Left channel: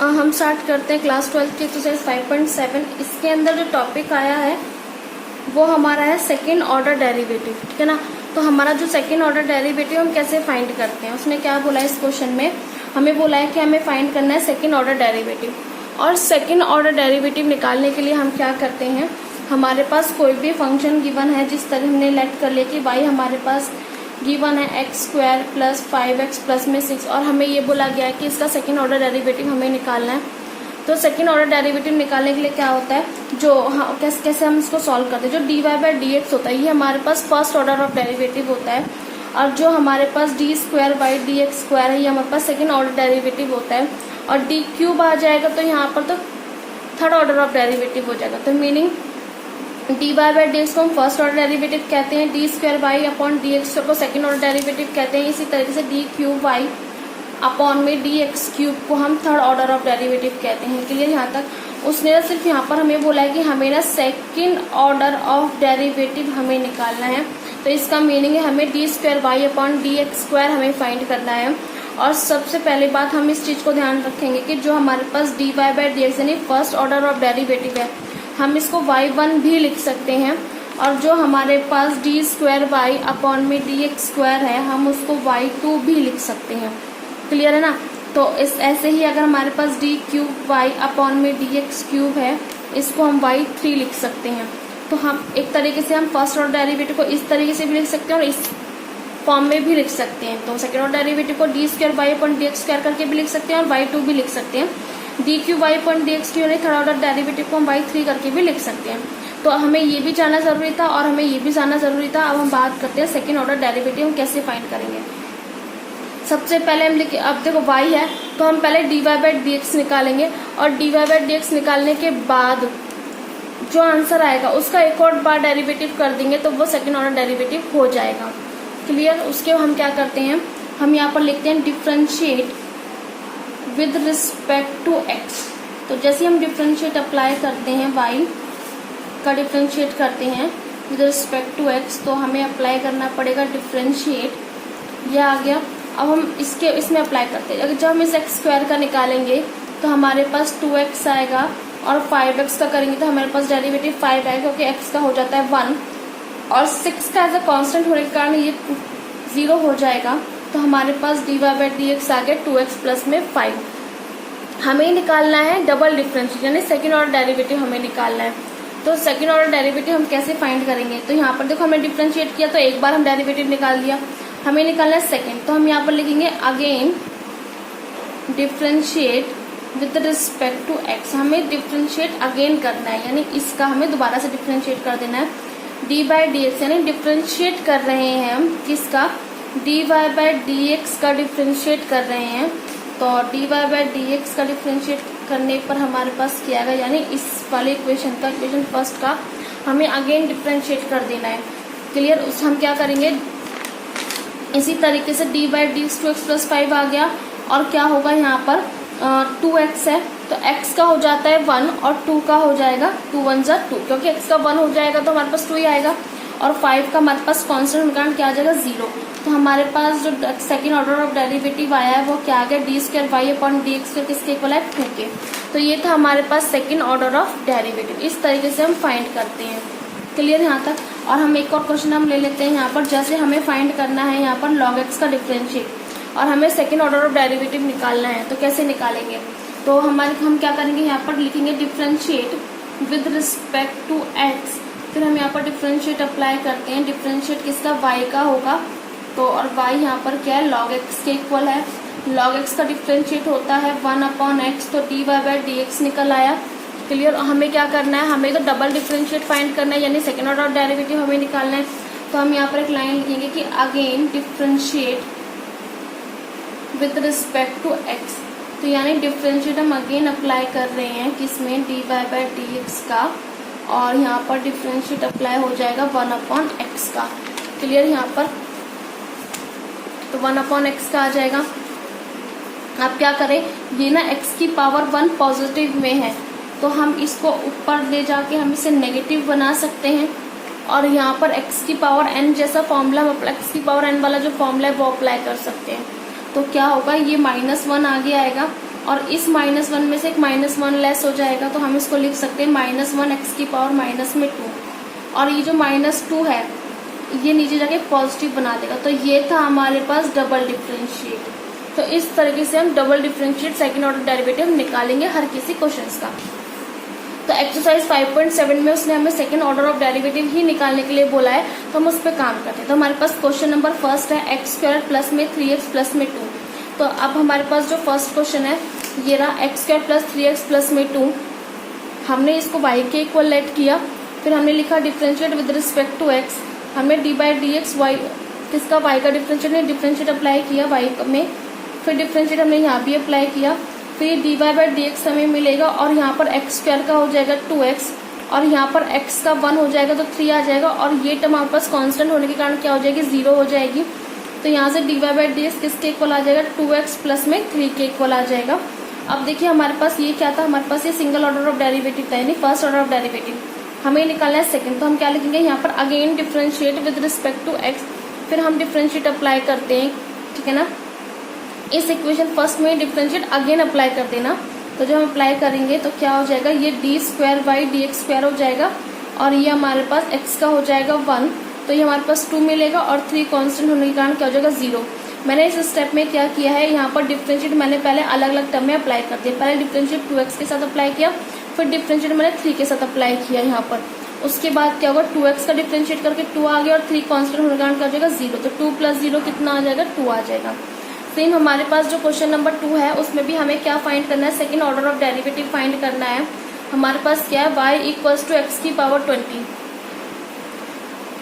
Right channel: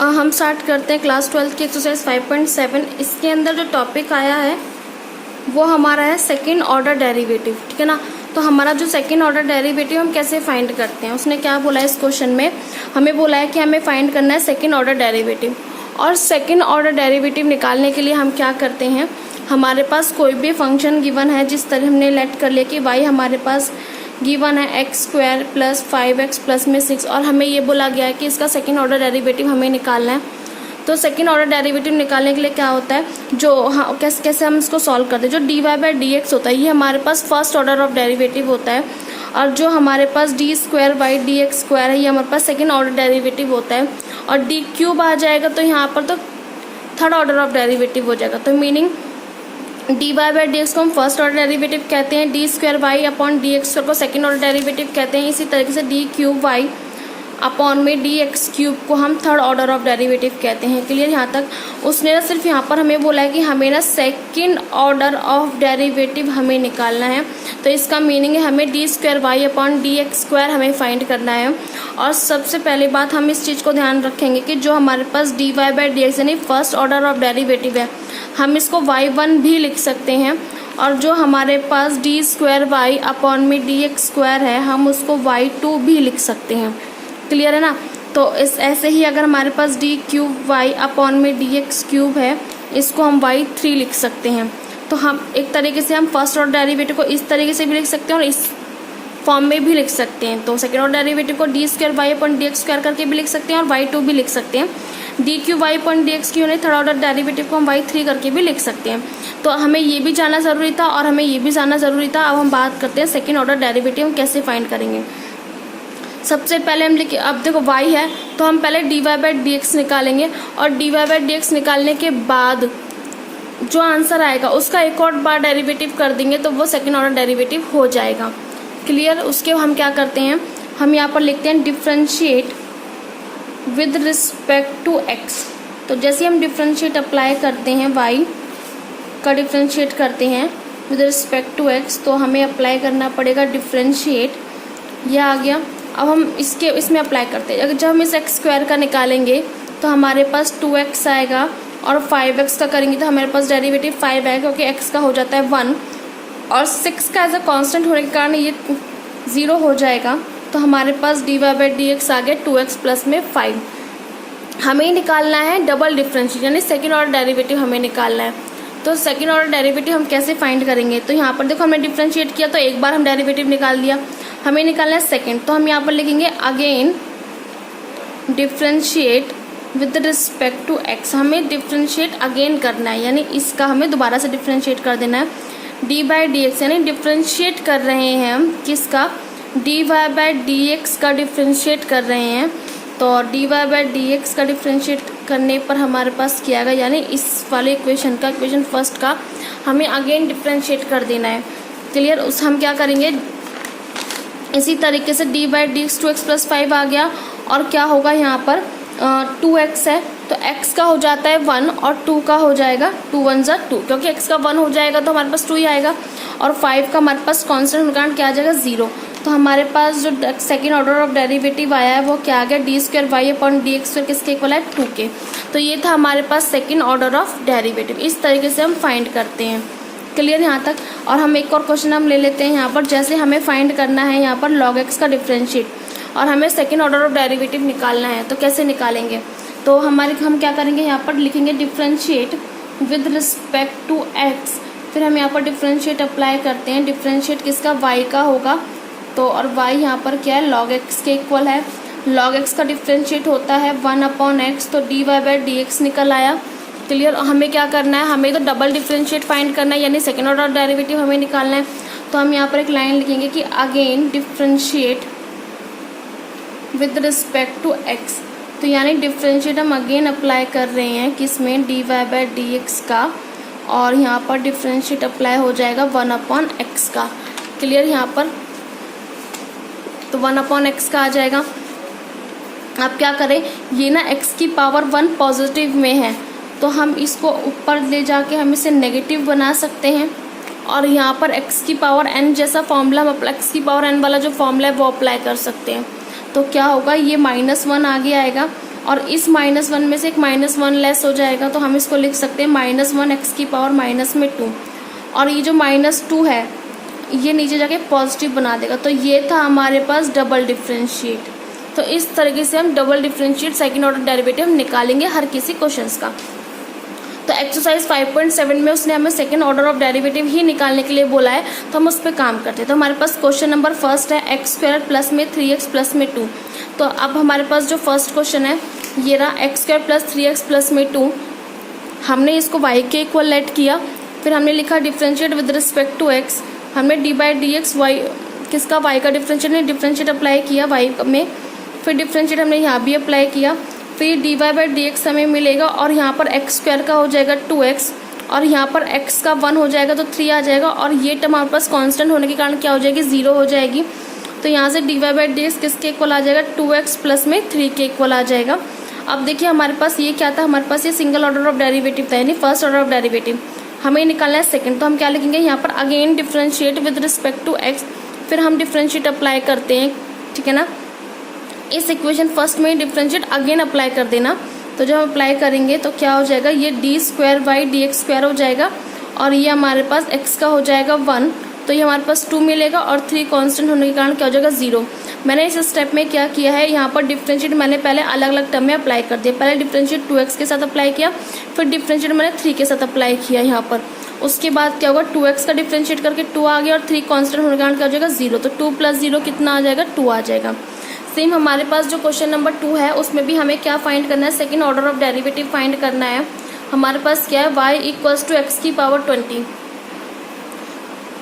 हम स्टार्ट करते हैं क्लास 12 की एक्सरसाइज 5.7। इसके अंदर जो टॉपिक आया है वो हमारा है सेकेंड ऑर्डर डेरिवेटिव, ठीक है ना। तो हमारा जो सेकेंड ऑर्डर डेरिवेटिव हम कैसे फाइंड करते हैं, उसने क्या बोला है इस क्वेश्चन में, हमें बोला है कि हमें फाइंड करना है सेकेंड ऑर्डर डेरिवेटिव। और सेकेंड ऑर्डर डेरिवेटिव निकालने के लिए हम क्या करते हैं, हमारे पास कोई भी फंक्शन गिवन है, जिस तरह हमने लेट कर लिया कि y हमारे पास गिवन है x² प्लस 5x प्लस में 6, और हमें ये बोला गया है कि इसका सेकेंड ऑर्डर डेरिवेटिव हमें निकालना है। तो सेकेंड ऑर्डर डेरिवेटिव निकालने के लिए क्या होता है, जो कैसे हम इसको सॉल्व करते हैं, जो dy/dx होता है ये हमारे पास फर्स्ट ऑर्डर ऑफ डेरिवेटिव होता है, और जो हमारे पास d²/dx² है ये हमारे पास सेकेंड ऑर्डर डेरिवेटिव होता है, और d³ आ जाएगा तो यहाँ पर तो थर्ड ऑर्डर ऑफ डेरिवेटिव हो जाएगा। तो मीनिंग dy/dx को हम फर्स्ट ऑर्डर डेरिवेटिव कहते हैं, d²y/dx को सेकेंड ऑर्डर डेरिवेटिव कहते हैं, इसी तरीके से d³ अपॉन में dx³ को हम थर्ड ऑर्डर ऑफ डेरिवेटिव कहते हैं। क्लियर यहाँ तक। उसने सिर्फ यहाँ पर हमें बोला है कि हमें ना सेकेंड ऑर्डर ऑफ डेरिवेटिव हमें निकालना है। तो इसका मीनिंग है हमें d²y/dx² हमें फाइंड करना है। और सबसे पहले बात हम इस चीज को ध्यान रखेंगे कि जो हमारे पास dy/dx यानी फर्स्ट ऑर्डर ऑफ डेरिवेटिव है, हम इसको y1 भी लिख सकते हैं, और जो हमारे पास d²y/में dx² है हम उसको y2 भी लिख सकते हैं। क्लियर है ना। तो इस ऐसे ही अगर हमारे पास d³y/में dx³ है, इसको हम y3 लिख सकते हैं। तो हम एक तरीके से हम फर्स्ट ऑर्डर डेरिवेटिव को इस तरीके से भी लिख सकते हैं और इस फॉर्म में भी लिख सकते हैं। तो सेकेंड ऑर्डर डेरिवेटिव को d²y/dx² करके भी लिख सकते हैं और y2 भी लिख सकते हैं। d³y/dx³ यानी थर्ड ऑर्डर डेरिवेटिव को हम y3 करके भी लिख सकते हैं। तो हमें ये भी जानना जरूरी था और हमें ये भी जानना जरूरी था। अब हम बात करते हैं सेकेंड ऑर्डर डेरिवेटिव हम कैसे फाइंड करेंगे। सबसे पहले हम लिखे, अब देखो y है तो हम पहले dy/dx निकालेंगे, और dy/dx निकालने के बाद जो आंसर आएगा उसका एक और बार डेरिवेटिव कर देंगे तो वो सेकेंड ऑर्डर डेरिवेटिव हो जाएगा। क्लियर। उसके हम क्या करते हैं, हम यहाँ पर लिखते हैं differentiate with respect to x। तो जैसे हम डिफरेंशिएट अप्लाई करते हैं, y का डिफरेंशिएट करते हैं विद रिस्पेक्ट टू x, तो हमें अप्लाई करना पड़ेगा डिफरेंशिएट, यह आ गया। अब हम इसमें अप्लाई करते हैं, अगर जब हम इस x² का निकालेंगे तो हमारे पास 2x आएगा, और 5x का करेंगे तो हमारे पास डेरिवेटिव 5 आएगा, क्योंकि x का हो जाता है 1 और 6 का एज अ कांस्टेंट होने के कारण ये 0 हो जाएगा। तो हमारे पास dy/dx आ गया 2x प्लस में 5। हमें निकालना है डबल डिफरेंशिएट यानी सेकेंड ऑर्डर डेरिवेटिव हमें निकालना है। तो सेकेंड ऑर्डर डेरिवेटिव हम कैसे फाइंड करेंगे, तो यहाँ पर देखो हमने डिफरेंशिएट किया तो एक बार हम डेरिवेटिव निकाल दिया, हमें निकालना है सेकेंड। तो हम यहाँ पर लिखेंगे again differentiate with respect to x। हमें डिफरेंशिएट अगेन करना है, यानी इसका हमें दोबारा से डिफरेंशिएट कर देना है d/dx, यानी डिफरेंशिएट कर रहे हैं हम किसका, dy/dx का डिफरेंशिएट कर रहे हैं। तो dy/dx का डिफरेंशिएट करने पर हमारे पास क्या आएगा, यानी इस वाले इक्वेशन का, इक्वेशन फर्स्ट का हमें अगेन डिफरेंशिएट कर देना है। क्लियर। उस हम क्या करेंगे, इसी तरीके से d/dx 2x प्लस 5 आ गया, और क्या होगा यहाँ पर 2x है तो x का हो जाता है 1 और 2 का हो जाएगा 2 1 जा 2, क्योंकि x का 1 हो जाएगा तो हमारे पास 2 ही आएगा, और 5 का हमारे पास कांस्टेंट होने कारण क्या आ जाएगा 0। तो हमारे पास जो सेकेंड ऑर्डर ऑफ डेरिवेटिव आया है वो क्या आ गया, d²y/dx² किसके इक्वल है 2 के। तो ये था हमारे पास सेकेंड ऑर्डर ऑफ डेरिवेटिव। इस तरीके से हम फाइंड करते हैं। क्लियर यहाँ तक। और हम एक और क्वेश्चन हम ले लेते हैं यहाँ पर, जैसे हमें फाइंड करना है यहाँ पर log x का डिफरेंशिएट, और हमें सेकेंड ऑर्डर ऑफ डेरिवेटिव निकालना है। तो कैसे निकालेंगे, तो हम क्या करेंगे, यहाँ पर लिखेंगे differentiate with respect to x, फिर हम यहाँ पर डिफरेंशिएट अप्लाई करते हैं। डिफरेंशिएट किसका, y का होगा, तो और y यहाँ पर क्या है log x के इक्वल है। log x का डिफरेंशिएट होता है 1/x, तो dy/dx निकल आया। क्लियर। हमें क्या करना है, हमें तो डबल डिफरेंशिएट फाइंड करना है, यानी सेकेंड ऑर्डर डेरिवेटिव हमें निकालना है। तो हम यहाँ पर एक लाइन लिखेंगे कि again differentiate with respect to x। तो यानी डिफरेंशिएट हम अगेन अप्लाई कर रहे हैं किसमें, dy/dx का, और यहाँ पर डिफरेंशिएट अप्लाई हो जाएगा 1/x का। क्लियर यहाँ पर। तो 1/x का आ जाएगा। आप क्या करें, ये ना x की पावर 1 पॉजिटिव में है, तो हम इसको ऊपर ले जाके हम इसे नेगेटिव बना सकते हैं, और यहाँ पर x की पावर n जैसा फॉर्मूला, x की पावर n वाला जो फॉर्मूला है वो अप्लाई कर सकते हैं। तो क्या होगा, ये -1 आगे आएगा, और इस -1 में से एक -1 लेस हो जाएगा, तो हम इसको लिख सकते हैं -1 x की पावर माइनस में 2, और ये जो -2 है ये नीचे जाके पॉजिटिव बना देगा। तो ये था हमारे पास डबल डिफरेंशिएट। तो इस तरीके से हम double differentiate second order derivative निकालेंगे हर किसी क्वेश्चंस का। तो एक्सरसाइज 5.7 में उसने हमें सेकंड ऑर्डर ऑफ डेरिवेटिव ही निकालने के लिए बोला है, तो हम उस पर काम करते हैं। तो हमारे पास क्वेश्चन नंबर फर्स्ट है x² प्लस में 3x प्लस में 2। तो अब हमारे पास जो फर्स्ट क्वेश्चन है ये रहा, x² प्लस 3x प्लस में 2। हमने इसको y के इक्वल लेट किया, फिर हमने लिखा differentiate with respect to x। हमने d/dx y किसका, y का डिफरेंशिएट अप्लाई किया y में, फिर डिफरेंशिएट हमने यहाँ भी अप्लाई किया, फिर dy/dx हमें मिलेगा, और यहाँ पर x² का हो जाएगा 2x, और यहाँ पर x का 1 हो जाएगा तो 3 आ जाएगा, और ये टर्म हमारे पास कांस्टेंट होने के कारण क्या हो जाएगी, 0 हो जाएगी। तो यहाँ से dy/dx किसके इक्वल आ जाएगा, 2x प्लस में 3 के इक्वल आ जाएगा। अब देखिए हमारे पास ये क्या था, हमारे पास ये सिंगल ऑर्डर ऑफ डेरिवेटिव था, यानी फर्स्ट ऑर्डर ऑफ डेरिवेटिव। हमें निकालना है सेकंड, तो हम क्या लिखेंगे यहाँ पर, again differentiate with respect to x, फिर हम डिफरेंशिएट अप्लाई करते हैं, ठीक है ना। इस इक्वेशन फर्स्ट में डिफरेंशिएट अगेन अप्लाई कर देना। तो जब हम अप्लाई करेंगे तो क्या हो जाएगा, ये d²/dx² हो जाएगा, और ये हमारे पास x का हो जाएगा 1, तो ये हमारे पास 2 मिलेगा, और 3 कांस्टेंट होने के कारण क्या हो जाएगा, 0। मैंने इस स्टेप में क्या किया है, यहाँ पर डिफरेंशिएट मैंने पहले अलग अलग टर्म में अप्लाई कर दिया। पहले डिफरेंशिएट 2x के साथ अप्लाई किया, फिर डिफरेंशिएट मैंने 3 के साथ अप्लाई किया यहाँ पर। उसके बाद क्या होगा, 2x का डिफरेंशिएट करके 2 आ गया, और 3 कांस्टेंट होने के कारण क्या हो जाएगा, 0। तो 2 + 0 कितना आ जाएगा, 2 आ जाएगा। सेम हमारे पास जो क्वेश्चन नंबर 2 है उसमें भी हमें क्या फाइंड करना है, second order of derivative find करना है। हमारे पास क्या है, y = x की पावर 20।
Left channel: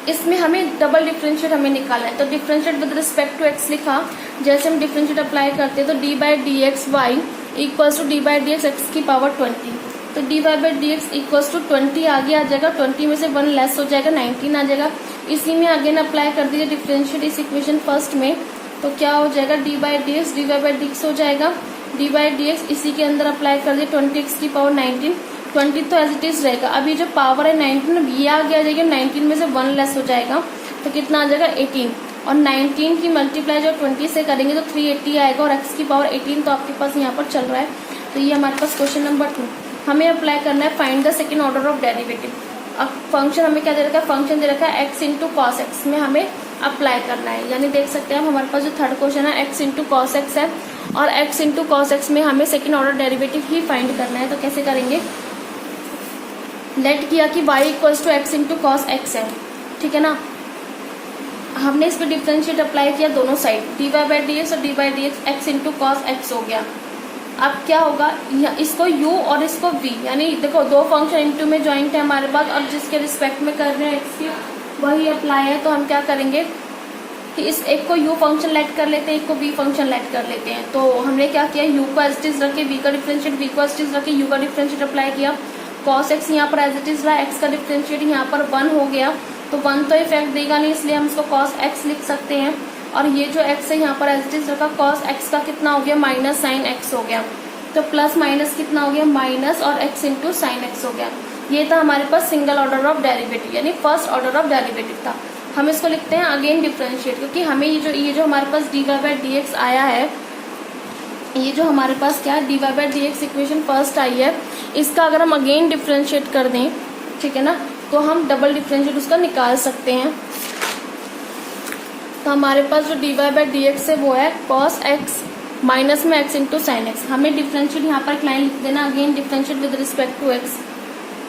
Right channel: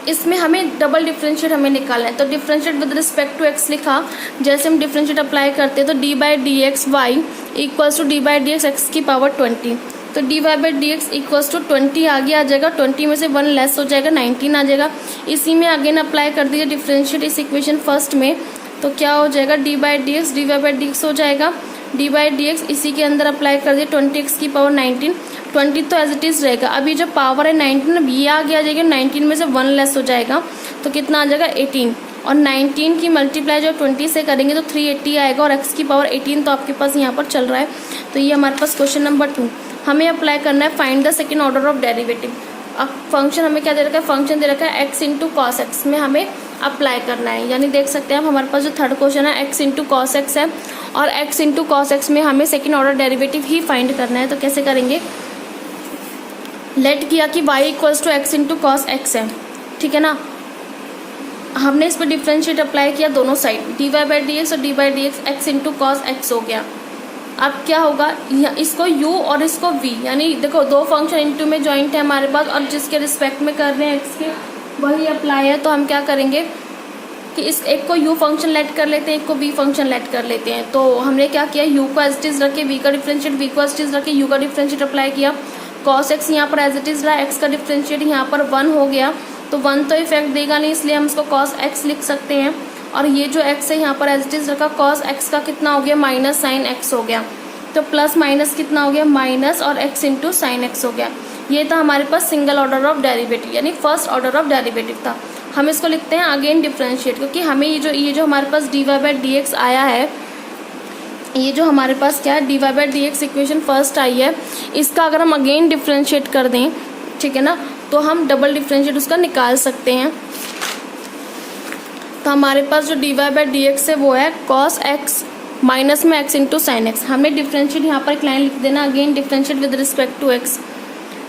इसमें हमें डबल डिफरेंशिएट हमें निकालना है, तो differentiate with respect to x लिखा। जैसे हम डिफरेंशिएट अप्लाई करते हैं तो d/dx y = d/dx x की पावर 20। तो dy/dx = 20 आगे आ जाएगा, 20 में से 1 लेस हो जाएगा, 19 आ जाएगा। इसी में अगेन अप्लाई कर दीजिए डिफरेंशिएट इस इक्वेशन फर्स्ट में, तो क्या हो जाएगा, d/dx dy/dx हो जाएगा, d/dx इसी के अंदर अप्लाई कर दिए 20x की पावर 19। 20 तो एज इट इज रहेगा। अभी जो पावर है 19, अब ये आगे आ जाएगा, 19 में से 1 लेस हो जाएगा, तो कितना आ जाएगा, 18। और 19 की मल्टीप्लाई जो 20 से करेंगे तो 380 आएगा, और x की पावर 18 तो आपके पास यहाँ पर चल रहा है। तो ये हमारे पास क्वेश्चन नंबर 2। हमें अप्लाई करना है find the second order of derivative. अब फंक्शन हमें क्या दे रखा है, फंक्शन दे रखा है x × cos x में हमें अप्लाई करना है। यानी देख सकते हैं हमारे पास जो थर्ड क्वेश्चन है x × cos x है, और x × cos x में हमें सेकेंड ऑर्डर डेरिवेटिव ही फाइंड करना है। तो कैसे करेंगे, लेट किया कि y = x × cos x है, ठीक है ना। हमने इस पर डिफरेंशिएट अप्लाई किया दोनों साइड, dy/dx और d/dx x × cos x हो गया। अब क्या होगा, इसको u और इसको v, यानी देखो दो फंक्शन इनटू में ज्वाइंट है हमारे पास, और जिसके रिस्पेक्ट में कर रहे हैं x के वही अप्लाई है। तो हम क्या करेंगे कि इस एक को u फंक्शन लेट कर लेते हैं, एक को v फंक्शन लेट कर लेते हैं। तो हमने क्या किया, u को एज इट इज रखे, v का डिफरेंशिएट, v को एज इट इज रखे, u का डिफरेंशिएट अप्लाई किया। cos x यहाँ पर एज इट इज रहा, x का डिफरेंशिएट यहाँ पर 1 हो गया, तो 1 तो इफेक्ट देगा नहीं, इसलिए हम इसको cos x लिख सकते हैं। और ये जो x है यहाँ पर एज इट इज रखा, cos x का कितना हो गया, माइनस sin x हो गया, तो प्लस माइनस कितना हो गया, माइनस, और x × sin x हो गया। ये था हमारे पास सिंगल ऑर्डर ऑफ डेरिवेटिव, यानी फर्स्ट ऑर्डर ऑफ डेरिवेटिव था। हम इसको लिखते हैं अगेन डिफरेंशिएट, क्योंकि हमें ये जो हमारे पास dy/dx आया है, ये जो हमारे पास क्या है, dy/dx इक्वेशन फर्स्ट आई है, इसका अगर हम अगेन डिफरेंशिएट कर दें, ठीक है ना, तो हम डबल डिफरेंशिएट उसका निकाल सकते हैं। तो हमारे पास जो dy/dx है वो है cos x माइनस में x × sin x। हमें डिफरेंशिएट यहाँ पर एक लाइन लिख देना, again differentiate with respect to x।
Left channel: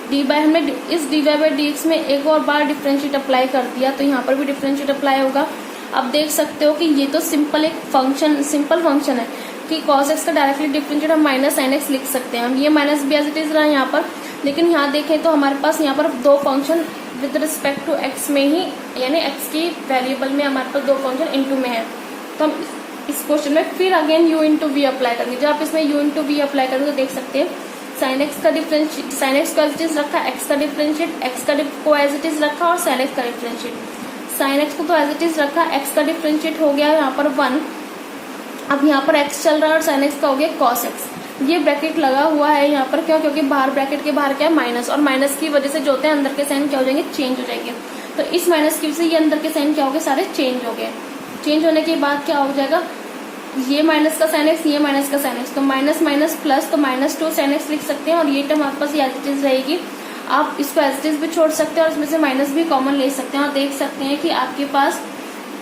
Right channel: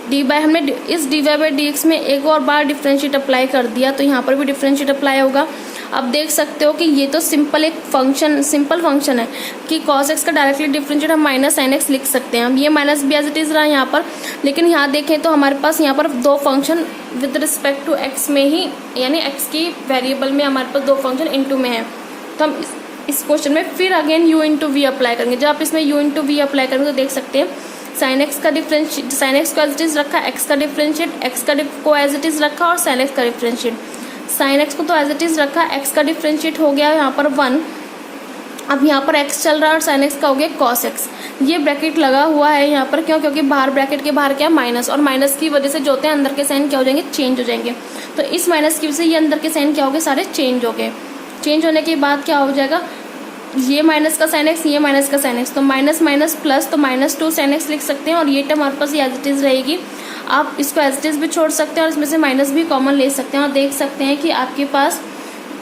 हमने इस dy/dx में एक और बार डिफरेंशिएट अप्लाई कर दिया, तो यहाँ पर भी डिफरेंशिएट अप्लाई होगा। अब देख सकते हो कि ये तो सिंपल फंक्शन है कि cos x का डायरेक्टली डिफरेंशिएट हम माइनस sin x लिख सकते हैं। हम ये माइनस भी एज इट इज रहा है यहाँ पर, लेकिन यहाँ देखें तो हमारे पास यहाँ पर दो function with respect to x में ही, यानी x की वेरिएबल में हमारे पास दो फंक्शन इनटू में है। तो हम इस क्वेश्चन में फिर अगेन u × v अप्लाई करेंगे। जब आप इसमें u × v अप्लाई करेंगे तो देख सकते हैं sin x का डिफरेंशिएट, sin x को एज इट इज रखा, x का डिफरेंशिएट, x को एज इट इज रखा, और sin x का डिफरेंशिएट। sin x को तो एज इट इज रखा, x का डिफरेंशिएट हो गया यहाँ पर 1। अब यहाँ पर x चल रहा है और sin x का हो गया cos x। ये ब्रैकेट लगा हुआ है यहाँ पर, क्यों, क्योंकि बाहर ब्रैकेट के बाहर क्या है, माइनस, और माइनस की वजह से जो होते हैं अंदर के साइन क्या हो जाएंगे, चेंज हो जाएंगे। तो इस माइनस की वजह से ये अंदर के साइन क्या हो गए, सारे चेंज हो गए। चेंज होने के बाद क्या हो जाएगा, ये माइनस का साइन एक्स, ये माइनस का साइन एक्स, तो माइनस माइनस प्लस, तो -2 साइन एक्स लिख सकते हैं और ये टर्म हमारे पास एज इट इज रहेगी। आप इसको एज इट इज भी छोड़ सकते हैं और इसमें से माइनस भी कॉमन ले सकते हैं और देख सकते हैं कि आपके पास,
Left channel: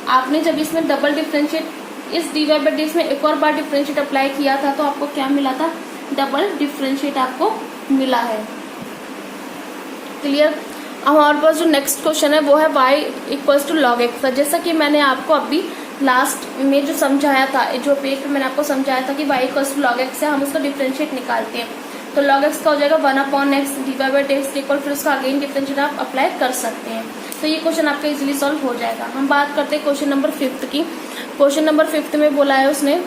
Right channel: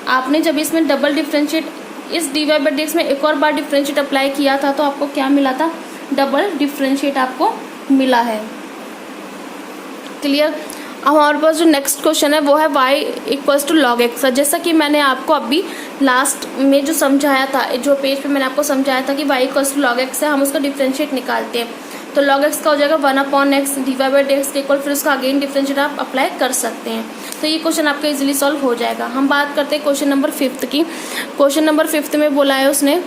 आपने जब इसमें डबल डिफरेंशिएट, इस डीवाई बाई डीएक्स में एक और बार डिफरेंशिएट अप्लाई किया था तो आपको क्या मिला था, डबल डिफरेंशिएट आपको मिला है। क्लियर। अब हमारे पास जो नेक्स्ट क्वेश्चन है वो है y equals to log x. जैसा कि मैंने आपको अभी लास्ट में जो समझाया था, जो पेज पे मैंने आपको समझाया था कि y equals to log x है, हम उसका डिफरेंशिएट निकालते हैं तो लॉग एक्स का हो जाएगा 1/x डिवाइड बाई डीएक्स के इक्वल, फिर उसका अगेन डिफरेंशिएट आप अप्लाई कर सकते हैं। तो ये क्वेश्चन आपका इजीली सॉल्व हो जाएगा। हम बात करते हैं क्वेश्चन नंबर 5 की। क्वेश्चन नंबर 5 में बोला है उसने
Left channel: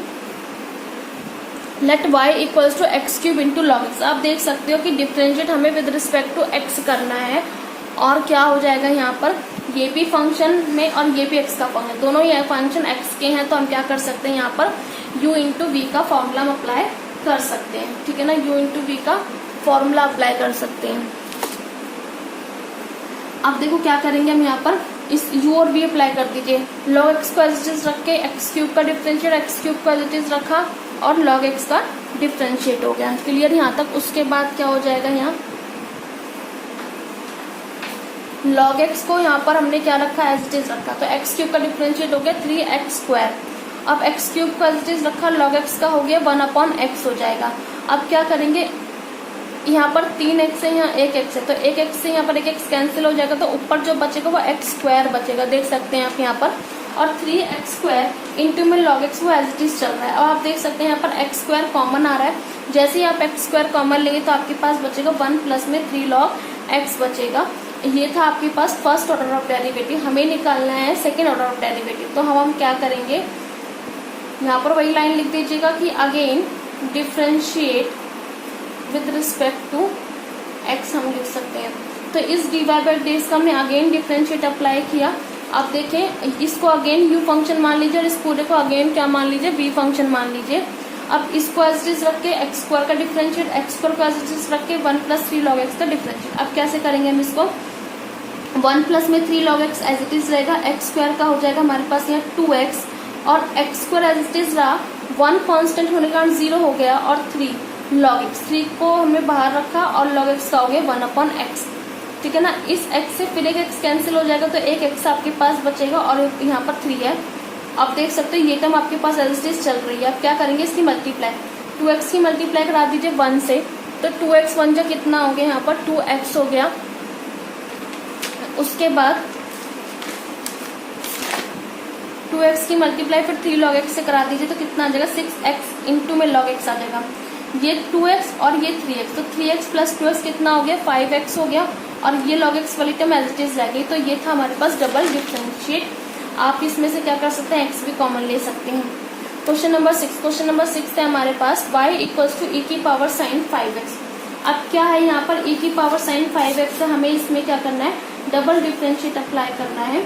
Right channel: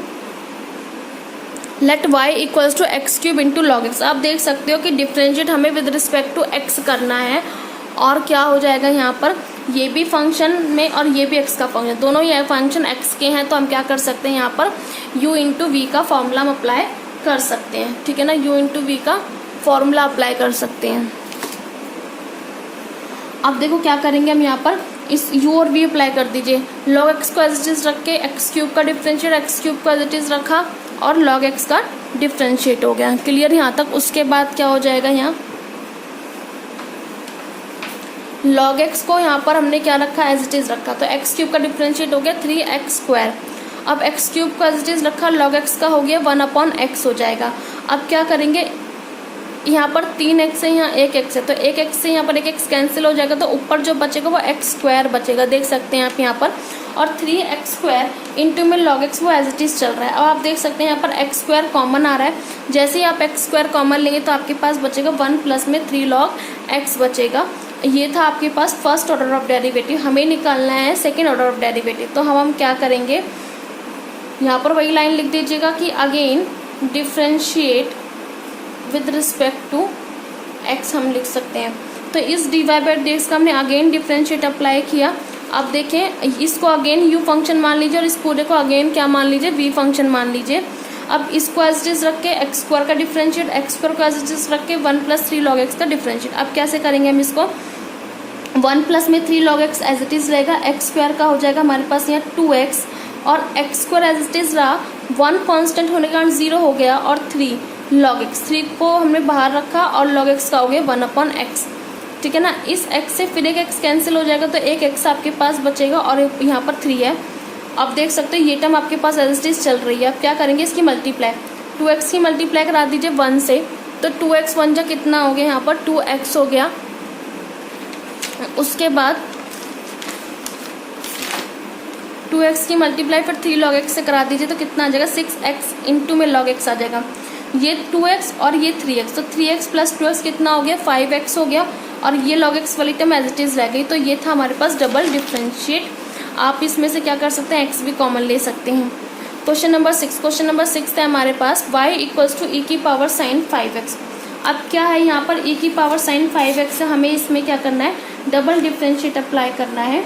let y equals to x cube into log x. आप देख सकते हो कि डिफरेंशिएट हमें विद रिस्पेक्ट टू x करना है और क्या हो जाएगा यहाँ पर, ये भी फंक्शन में और ये भी x का फंक्शन, दोनों ये फंक्शन x के हैं तो हम क्या कर सकते हैं यहाँ पर u इंटू वी का फॉर्मूला हम अप्लाई कर सकते हैं। ठीक है ना, u इंटू वी का फॉर्मूला अप्लाई कर सकते हैं। अब देखो क्या करेंगे हम यहाँ पर, इस u और v अप्लाई कर दीजिए। log x को एज इट इज रख के एक्स क्यूब का डिफरेंशिएट, एक्स क्यूब को एज इट इज रखा और log x का डिफरेंशिएट हो गया। क्लियर यहाँ तक। उसके बाद क्या हो जाएगा, यहाँ log x को यहाँ पर हमने क्या रखा, एज इट इज रखा, तो एक्स क्यूब का डिफरेंशिएट हो गया 3x²। अब एक्स क्यूब का एज इट इज रखा, log x का हो गया 1/x हो जाएगा। अब क्या करेंगे, यहाँ पर 3x है, यहाँ 1x है, तो 1x से यहाँ पर 1x कैंसिल हो जाएगा, तो ऊपर जो बचेगा वो x² बचेगा, देख सकते हैं आप यहाँ पर। और 3x² इंटू में log x वो एज इट इज चल रहा है। अब आप देख सकते हैं यहाँ पर x² कॉमन आ रहा है, जैसे ही आप x² कॉमन लेंगे तो आपके पास बचेगा 1 प्लस में 3 log x बचेगा। ये था आपके पास फर्स्ट ऑर्डर ऑफ डेरिवेटिव। हमें निकालना है सेकेंड ऑर्डर ऑफ डेरिवेटिव, तो हम क्या करेंगे, यहाँ पर वही लाइन लिख दीजिएगा कि again differentiate with respect to x हम लिख सकते हैं। तो इस डिवाइड बाई डीएक्स का हमने अगेन डिफरेंशिएट अप्लाई किया। अब देखें, इसको अगेन u फंक्शन मान लीजिए और इस पूरे को अगेन क्या मान लीजिए, v फंक्शन मान लीजिए। अब इसको एज इट इज रख के x² का डिफरेंशिएट, x² को एज इट इज रख के 1 प्लस 3 log x का डिफरेंशिएट। अब कैसे करेंगे हम इसको, 1 प्लस में 3 log x as it is रहेगा, x² का हो जाएगा हमारे पास यहाँ 2x और x² एज इट इज रहा, 1 कांस्टेंट होने के कारण 0 हो गया और 3 log x, 3 को हमने बाहर रखा और log x का हो गया 1/x। ठीक है ना, इस x से फिर एक x कैंसिल हो जाएगा तो एक x आपके पास बचेगा और यहाँ पर 3 है। आप देख सकते हो ये टर्म आपके पास एज इट इज चल रही है। अब क्या करेंगे, इसकी मल्टीप्लाई, 2x की मल्टीप्लाई करा दीजिए 1 से, तो 2x 1 जा कितना हो गया, यहाँ पर 2x हो गया। उसके बाद 2x की मल्टीप्लाई फिर 3 log x से करा दीजिए तो कितना आ जाएगा, 6x इंटू में log x आ जाएगा। ये 2x और ये 3x, तो 3x प्लस 2x कितना हो गया, 5x हो गया और ये log x वाली टर्म एज इट इज रह गई। तो ये था हमारे पास डबल डिफरेंशिएट। आप इसमें से क्या कर सकते हैं, x भी कॉमन ले सकते हैं। क्वेश्चन नंबर 6, क्वेश्चन नंबर 6 है हमारे पास y इक्वल्स टू e की पावर sin 5x। अब क्या है यहाँ पर, e की पावर sin 5x है, हमें इसमें क्या करना है, डबल डिफरेंशिएट अप्लाई करना है।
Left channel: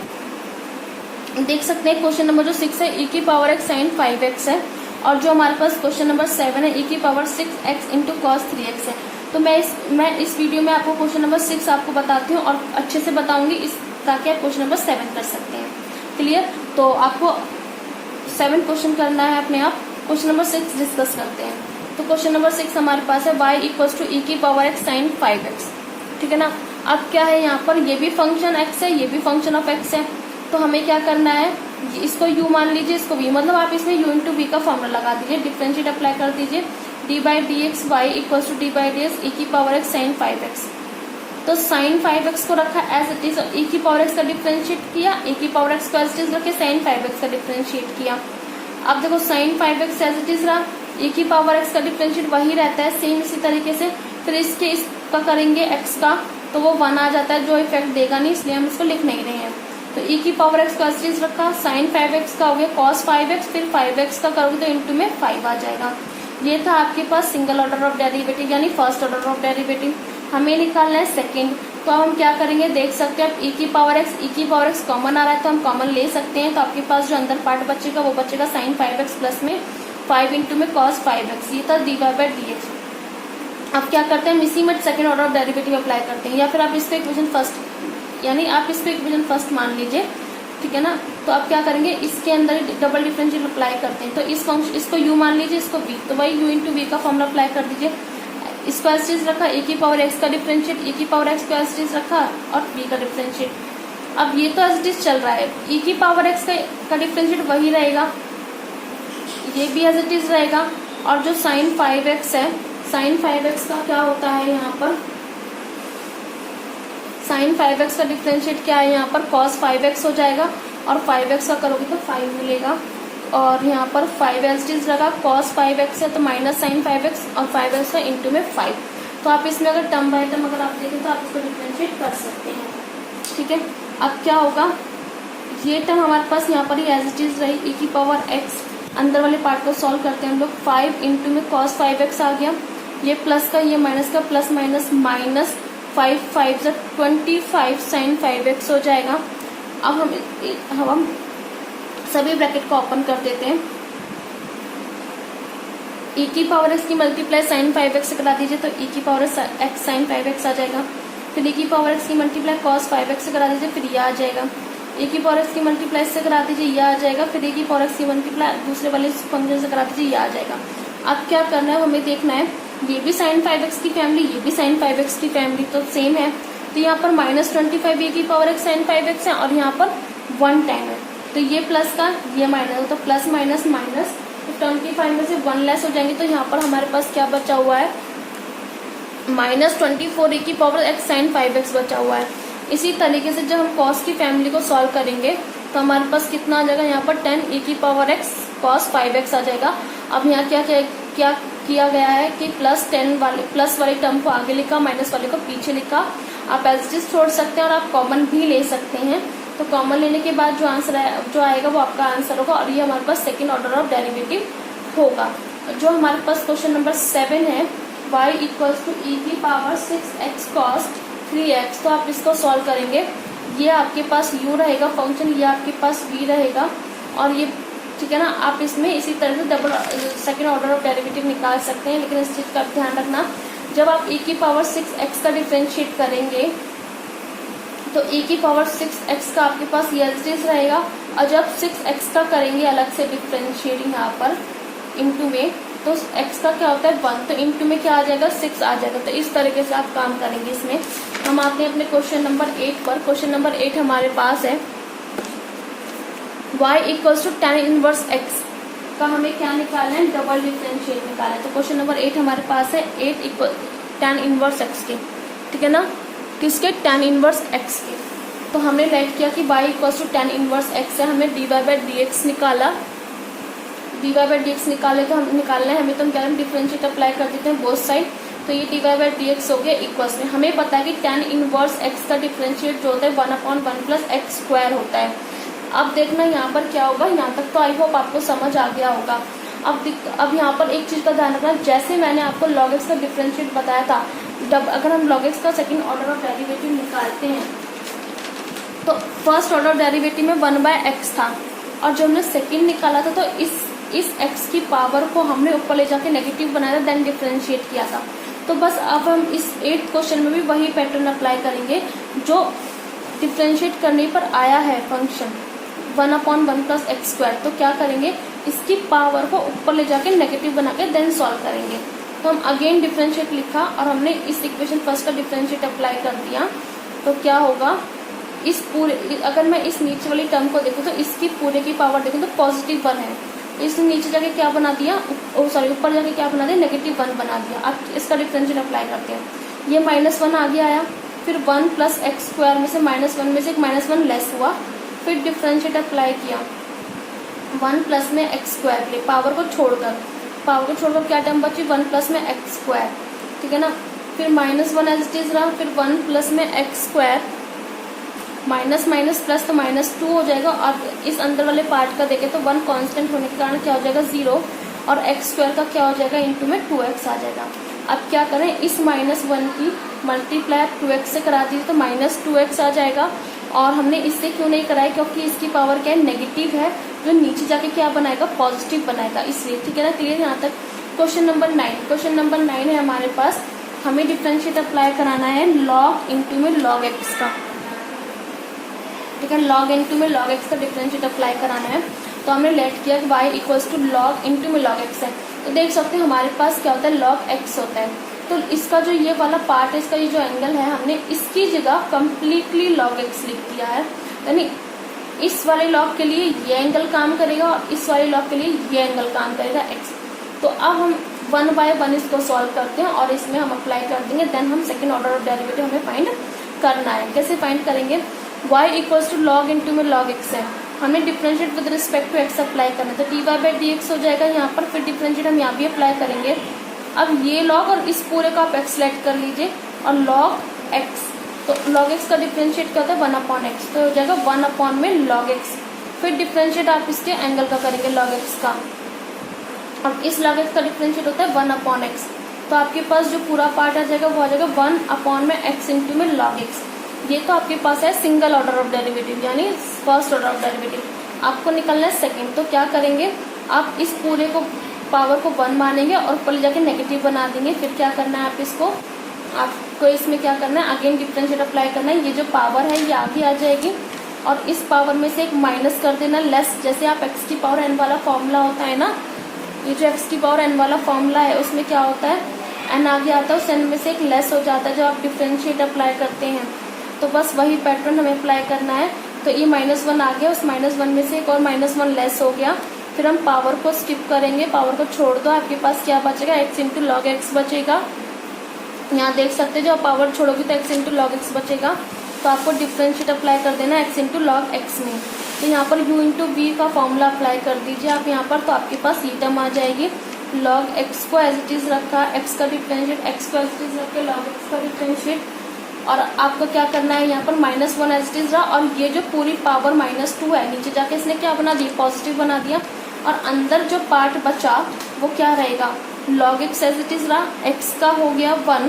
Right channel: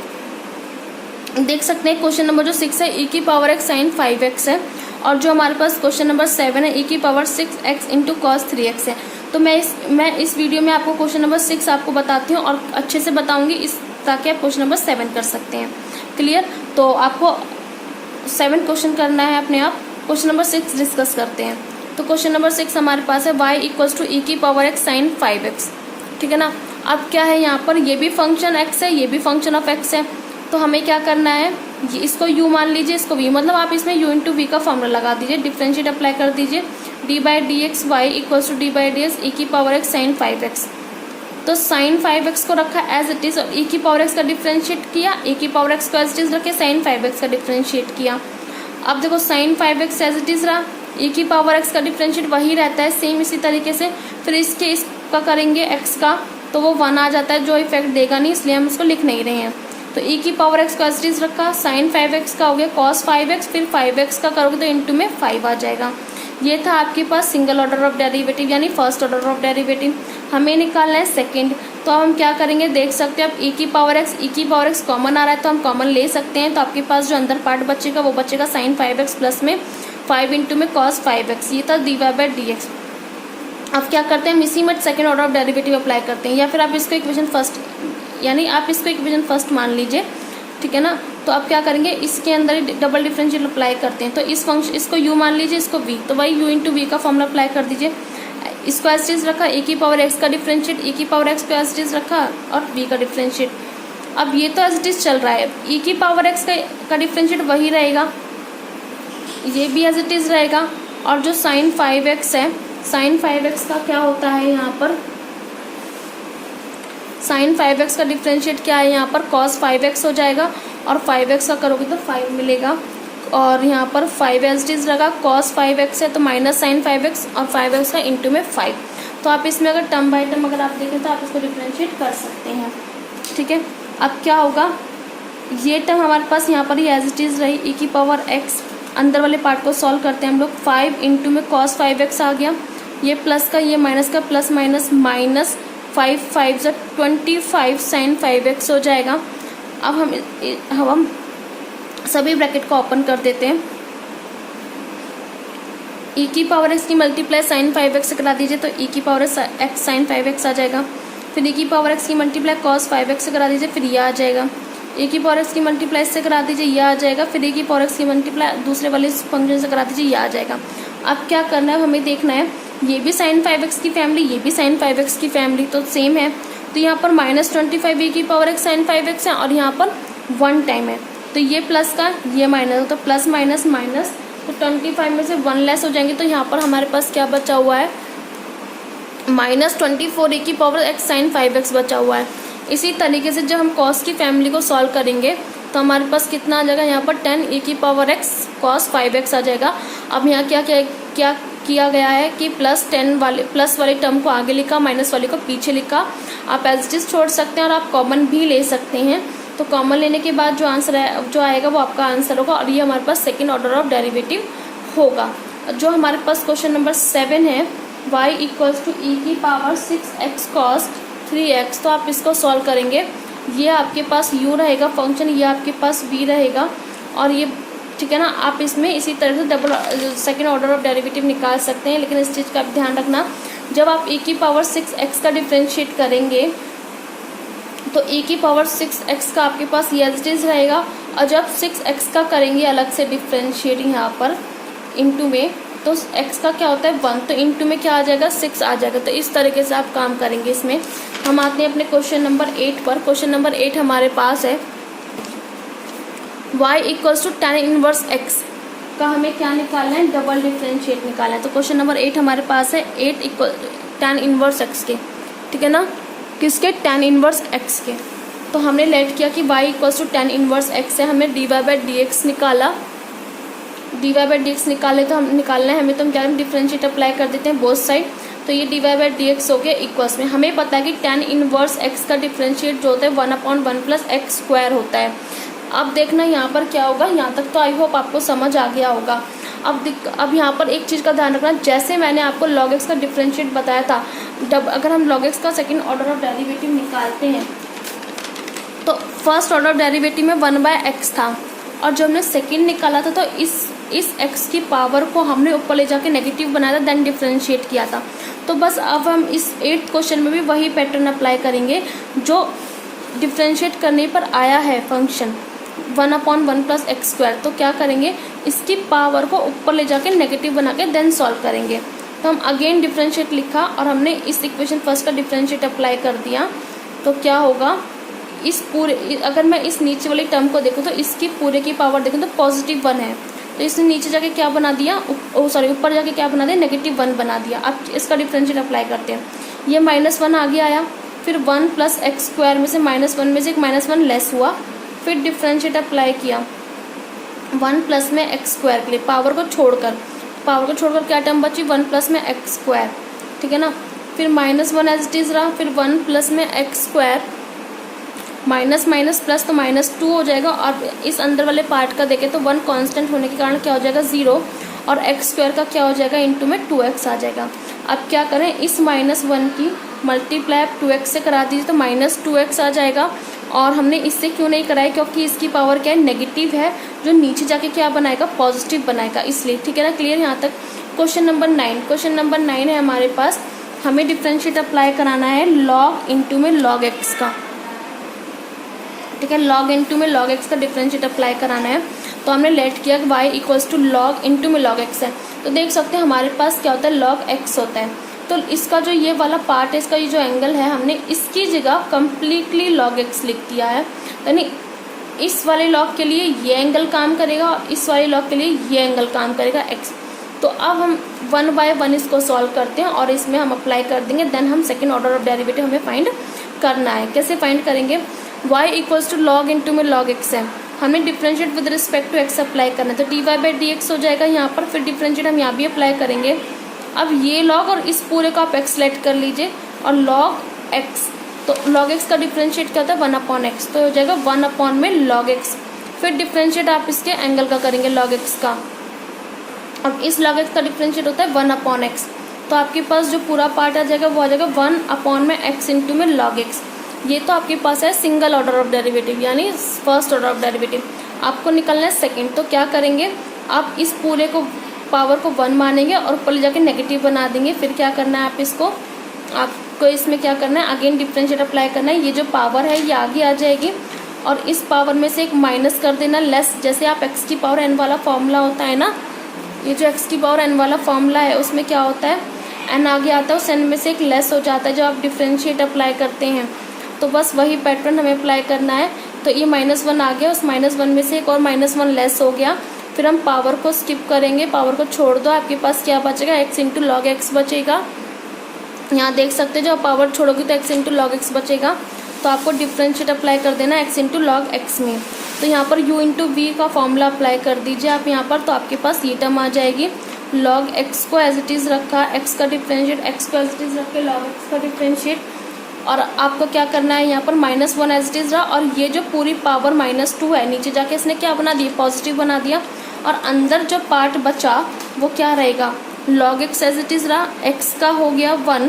देख सकते हैं क्वेश्चन नंबर जो 6 है e की पावर x sin 5x है और जो हमारे पास क्वेश्चन नंबर 7 है e की power 6x into cos 3x है। तो मैं इस वीडियो में आपको क्वेश्चन नंबर 6 आपको बताती हूँ और अच्छे से बताऊंगी इस, ताकि आप क्वेश्चन नंबर 7 कर सकते हैं। क्लियर। तो आपको 7 क्वेश्चन करना है अपने आप। क्वेश्चन नंबर 6 डिस्कस करते हैं। तो क्वेश्चन नंबर 6 हमारे पास है y इक्वल्स टू e की पावर x sin 5x। ठीक है ना। अब क्या है यहाँ पर, ये भी फंक्शन x है, ये भी फंक्शन ऑफ x है, तो हमें क्या करना है, इसको u मान लीजिए, इसको v, मतलब आप इसमें u इंटू वी का फॉर्मूला लगा दीजिए, डिफरेंशिएट अप्लाई कर दीजिए, d by d x y equals to d by d x e की पावर x sin 5x। तो sin 5x को रखा एज इट इज, e की पावर x का डिफरेंशिएट किया, e की पावर x को एज इट इज रखे sin 5x का डिफरेंशिएट किया। अब देखो sin 5x as it is रहा, e की पावर x का डिफरेंशिएट वही रहता है सेम इसी तरीके से। फिर इसका करेंगे x का, तो वो 1 आ जाता है, जो इफेक्ट देगा नहीं, इसलिए हम इसको लिख नहीं रहे हैं। तो e की पावर x को एज इट इज रखा, sin 5x का हो गया cos 5x, फिर 5x का करोगे तो इंटू में 5 आ जाएगा। ये था आपके पास सिंगल ऑर्डर ऑफ डेरिवेटिव यानी फर्स्ट ऑर्डर ऑफ डेरिवेटिव। हमें निकालना है सेकेंड। तो हम क्या करेंगे, देख सकते हैं आप e की पावर x कॉमन आ रहा है तो हम कॉमन ले सकते हैं। तो आपके पास जो अंदर पार्ट बचेगा वो बचेगा sin 5x प्लस में 5 इंटू में cos 5x। ये था dy बाई dx। अब क्या करते हैं, हम इसी में second order of derivative apply करते हैं, या फिर आप इसको इक्वेशन फर्स्ट, यानी आप इसको इक्वेशन फर्स्ट मान लीजिए। ठीक है ना। तो आप क्या करेंगे, इसके अंदर डबल डिफरेंशियल अप्लाई करते हैं। तो इस फंक्शन, इसको u मान लीजिए, इसको v, तो वही u इंटू वी का फॉर्मूला अप्लाई कर दीजिए। इसको एज इट इज रखा, e की पावर x का डिफरेंशिएट, e की पावर x पे एज इट इज रखा और v का डिफरेंशिएट। अब ये तो एज इट इज चल रहा है, e की पावर x का डिफरेंशिएट वही रहेगा, ये भी एज इट इज रहेगा। और जो साइन 5x है, साइन 5x का क्या होता है यहाँ पर, साइन 5x का डिफरेंशिएट क्या है यहाँ पर, cos 5x हो जाएगा और 5x का करोगे तो 5 मिलेगा। और यहाँ पर 5 एज इट इज रखा, cos 5x है तो माइनस साइन 5x और 5x का इंटू में 5। तो आप इसमें अगर टर्म बाय टर्म अगर आप देखें तो आप इसको डिफरेंशिएट कर सकते हैं। ठीक है, अब क्या होगा, ये टर्म हमारे पास यहाँ पर ही एज इट इज रही, e की पावर x, अंदर वाले पार्ट को सॉल्व करते हैं हम लोग, 5 इंटू में cos 5x आ गया, ये प्लस का ये माइनस का, plus minus minus 5 5 25 sign 5x हो जाएगा। अब हम सभी ब्रैकेट को ओपन कर देते हैं। e की पावर x की मल्टीप्लाई साइन 5x से करा दीजिए तो e की पावर x साइन 5x आ जाएगा। फिर e की पावर x की मल्टीप्लाई cos 5x से करा दीजिए, फिर ये आ जाएगा। e की पावर x की मल्टीप्लाई से करा दीजिए, ये आ जाएगा। फिर e की पावर x की मल्टीप्लाई दूसरे वाले फंक्शन से करा दीजिए, ये आ जाएगा। अब क्या करना है, हमें देखना है ये भी साइन 5x की फैमिली, ये भी साइन 5x की फैमिली, तो सेम है। तो यहाँ पर -25 e की पावर x साइन 5x है और यहाँ पर 1 टाइम है, तो ये प्लस का ये माइनस, तो प्लस माइनस माइनस, तो 25 में से 1 लेस हो जाएंगे। तो यहाँ पर हमारे पास क्या बचा हुआ है, -24 e की पावर x साइन 5x बचा हुआ है। इसी तरीके से जब हम cos की फैमिली को सॉल्व करेंगे तो हमारे पास कितना आ जाएगा, यहाँ पर 10 e की पावर x cos 5x आ जाएगा। अब यहाँ क्या किया गया है कि प्लस वाले टर्म को आगे लिखा, माइनस वाले को पीछे लिखा। आप एज इट इज छोड़ सकते हैं और आप कॉमन भी ले सकते हैं। तो कॉमन लेने के बाद जो आंसर जो आएगा वो आपका आंसर होगा और ये हमारे पास सेकेंड ऑर्डर ऑफ डेरिवेटिव होगा। जो हमारे पास क्वेश्चन नंबर 7 है, y इक्वल्स टू e की पावर 6x cos 3x, तो आप इसको सॉल्व करेंगे। ये आपके पास u रहेगा फंक्शन, ये आपके पास v रहेगा और ये, ठीक है ना। आप इसमें इसी तरह से double second order of derivative निकाल सकते हैं, लेकिन इस चीज का आप ध्यान रखना, जब आप e की पावर 6x का डिफरेंशिएट करेंगे तो e की पावर 6x का आपके पास ये एज इट इज रहेगा, और जब 6x का करेंगे अलग से डिफरेंशिएट यहाँ पर इंटू में, तो x का क्या होता है 1, तो इंटू में क्या आ जाएगा 6 आ जाएगा। तो इस तरीके से आप काम करेंगे। इसमें हम आते हैं अपने क्वेश्चन नंबर 8 पर। क्वेश्चन नंबर 8 हमारे पास है y equals to tan inverse x का हमें क्या निकालना है, डबल डिफरेंशिएट निकालना है। तो क्वेश्चन नंबर 8 हमारे पास है 8 इक्वल tan इनवर्स x के, ठीक है ना, किसके, tan इनवर्स x के। तो हमने लेट किया कि y equals to tan inverse x है, हमने dy बाई dx निकाला, dy बाई dx निकाले तो हम निकालना है हमें, तो हम क्या डिफरेंशिएट अप्लाई कर देते हैं बोथ साइड। तो ये dy बाई dx हो गया इक्वल्स में, हमें पता है कि tan इनवर्स x का डिफरेंशिएट जो होता है 1/1 प्लस x स्क्वायर होता है। अब देखना यहाँ पर क्या होगा, यहाँ तक तो आई होप आपको समझ आ गया होगा। अब यहाँ पर एक चीज का ध्यान रखना, जैसे मैंने आपको log x का डिफरेंशिएट बताया था, अगर हम log x का सेकंड ऑर्डर ऑफ डेरिवेटिव निकालते हैं तो फर्स्ट ऑर्डर ऑफ डेरिवेटिव में 1/x था, और जब हमने सेकंड निकाला था तो इस x की पावर को हमने ऊपर ले जाके नेगेटिव बनाया था, देन डिफरेंशिएट किया था। तो बस अब हम इस 8th क्वेश्चन में भी वही पैटर्न अप्लाई करेंगे जो डिफरेंशिएट करने पर आया है फंक्शन 1/1 प्लस x स्क्वायर। तो क्या करेंगे, इसकी पावर को ऊपर ले जाके नेगेटिव बना के देन सॉल्व करेंगे। तो हम अगेन डिफरेंशिएट लिखा और हमने इस इक्वेशन फर्स्ट का डिफरेंशिएट अप्लाई कर दिया। तो क्या होगा, इस पूरे, अगर मैं इस नीचे वाली टर्म को देखूं तो इसकी पूरे की पावर देखूं तो +1 है, तो इसने नीचे जाके क्या बना दिया, ऊपर जाके क्या बना दिया, -1 बना दिया। अब इसका डिफरेंशिएट अप्लाई करते हैं, ये -1 आगे आया, फिर 1 प्लस एक्स स्क्वायर में से -1 में से एक -1 लेस हुआ, फिर डिफरेंशिएट अप्लाई किया 1 प्लस में एक्स स्क्वायर के लिए, पावर को छोड़कर क्या टर्म बची, 1 प्लस में एक्स स्क्वायर, ठीक है ना। फिर -1 एज इट इज रहा, फिर 1 प्लस में x square, minus minus plus तो -2 हो जाएगा। अब इस अंदर वाले पार्ट का देखें तो 1 कांस्टेंट होने के कारण क्या हो जाएगा 0, और एक्स स्क्वायर का क्या हो जाएगा इंटू में 2x आ जाएगा। अब क्या करें, इस -1 की मल्टीप्लाई 2x से करा दीजिए तो -2x आ जाएगा। और हमने इससे क्यों नहीं कराया, क्योंकि इसकी पावर क्या है, नेगेटिव है, जो नीचे जाके क्या बनाएगा, पॉजिटिव बनाएगा, इसलिए, ठीक है ना। क्लियर यहाँ तक। क्वेश्चन नंबर 9 है हमारे पास, हमें डिफरेंशिएट अप्लाई कराना है log इंटू में log x का। ठीक है। लॉग इनटू में लॉग एक्स का डिफरेंशिएट अप्लाई कराना है, तो हमने लेट किया कि y equals to log into में लॉग एक्स है। तो देख सकते हैं हमारे पास क्या होता है, लॉग एक्स होता है। तो इसका जो ये वाला पार्ट है, इसका ये जो एंगल है, हमने इसकी जगह कम्प्लीटली लॉग एक्स लिख दिया है, यानी इस वाले लॉग के लिए ये एंगल काम करेगा और इस वाले लॉग के लिए ये एंगल काम करेगा एक्स। तो अब हम 1 बाय 1 इसको सॉल्व करते हैं और इसमें हम अप्लाई कर देंगे, देन हम सेकेंड ऑर्डर ऑफ डेरिवेटिव हमें फाइंड करना है। कैसे फाइंड करेंगे, y equals to log into में लॉग एक्स है, हमें differentiate with respect to x apply करना है, तो dy बाई डी एक्स हो जाएगा यहाँ पर, फिर डिफरेंशिएट हम यहाँ भी अप्लाई करेंगे। अब ये लॉग और इस पूरे का आप एक्स लेट कर लीजिए और लॉग एक्स, तो लॉग एक्स का डिफरेंशिएट क्या होता है 1 अपॉन एक्स, तो हो जाएगा 1 अपॉन में लॉग एक्स, फिर डिफरेंशिएट आप इसके एंगल का करेंगे लॉग एक्स का। अब इस लॉग एक्स का डिफरेंशिएट होता है 1 अपॉन एक्स, तो आपके पास जो पूरा पार्ट आ जाएगा वो आ जाएगा 1 अपॉन में एक्स इंटू में लॉग एक्स। ये तो आपके पास है सिंगल ऑर्डर ऑफ डेरिवेटिव यानी फर्स्ट ऑर्डर ऑफ डेरिवेटिव। आपको निकलना है सेकंड, तो क्या करेंगे, आप इस पूरे को पावर को 1 मानेंगे और ऊपर जाके नेगेटिव बना देंगे। फिर क्या करना है, आपको इसमें क्या करना है, अगेन डिफरेंशिएट अप्लाई करना है। ये जो पावर है ये आगे आ जाएगी और इस पावर में से एक माइनस कर देना लेस, जैसे आप एक्स की पावर एन वाला फॉर्मूला होता है ना, ये जो एक्स की पावर एन वाला फॉर्मूला है उसमें क्या होता है, एन आगे आता है, उस एन में से एक लेस हो जाता है जब आप डिफरेंशिएट अप्लाई करते हैं। तो बस वही पैटर्न हमें अप्लाई करना है। तो ये -1 आ गया, उस -1 में से एक और -1 लेस हो गया, फिर हम पावर को स्किप करेंगे, पावर को छोड़ दो, आपके पास क्या बचेगा, x इंटू लॉग एक्स बचेगा। यहाँ देख सकते हैं जब पावर छोड़ोगे तो x इंटू लॉग एक्स बचेगा, तो आपको डिफरेंशिएट अप्लाई कर देना x इंटू लॉग एक्स में। तो यहाँ पर u इंटू वी का फॉर्मूला अप्लाई कर दीजिए आप यहाँ पर, तो आपके पास ये टर्म आ जाएगी। लॉग एक्स को एज इट इज रखा, एक्स का डिफरेंशिएट, एक्स को एज इट इज रख के लॉग एक्स का डिफरेंशिएट, और आपको क्या करना है, यहाँ पर -1 एज इट इज रहा और ये जो पूरी पावर -2 है, नीचे जाके इसने क्या बना दिया, पॉजिटिव बना दिया, और अंदर जो पार्ट बचा वो क्या रहेगा, log x as it is रहा, एक्स का हो गया 1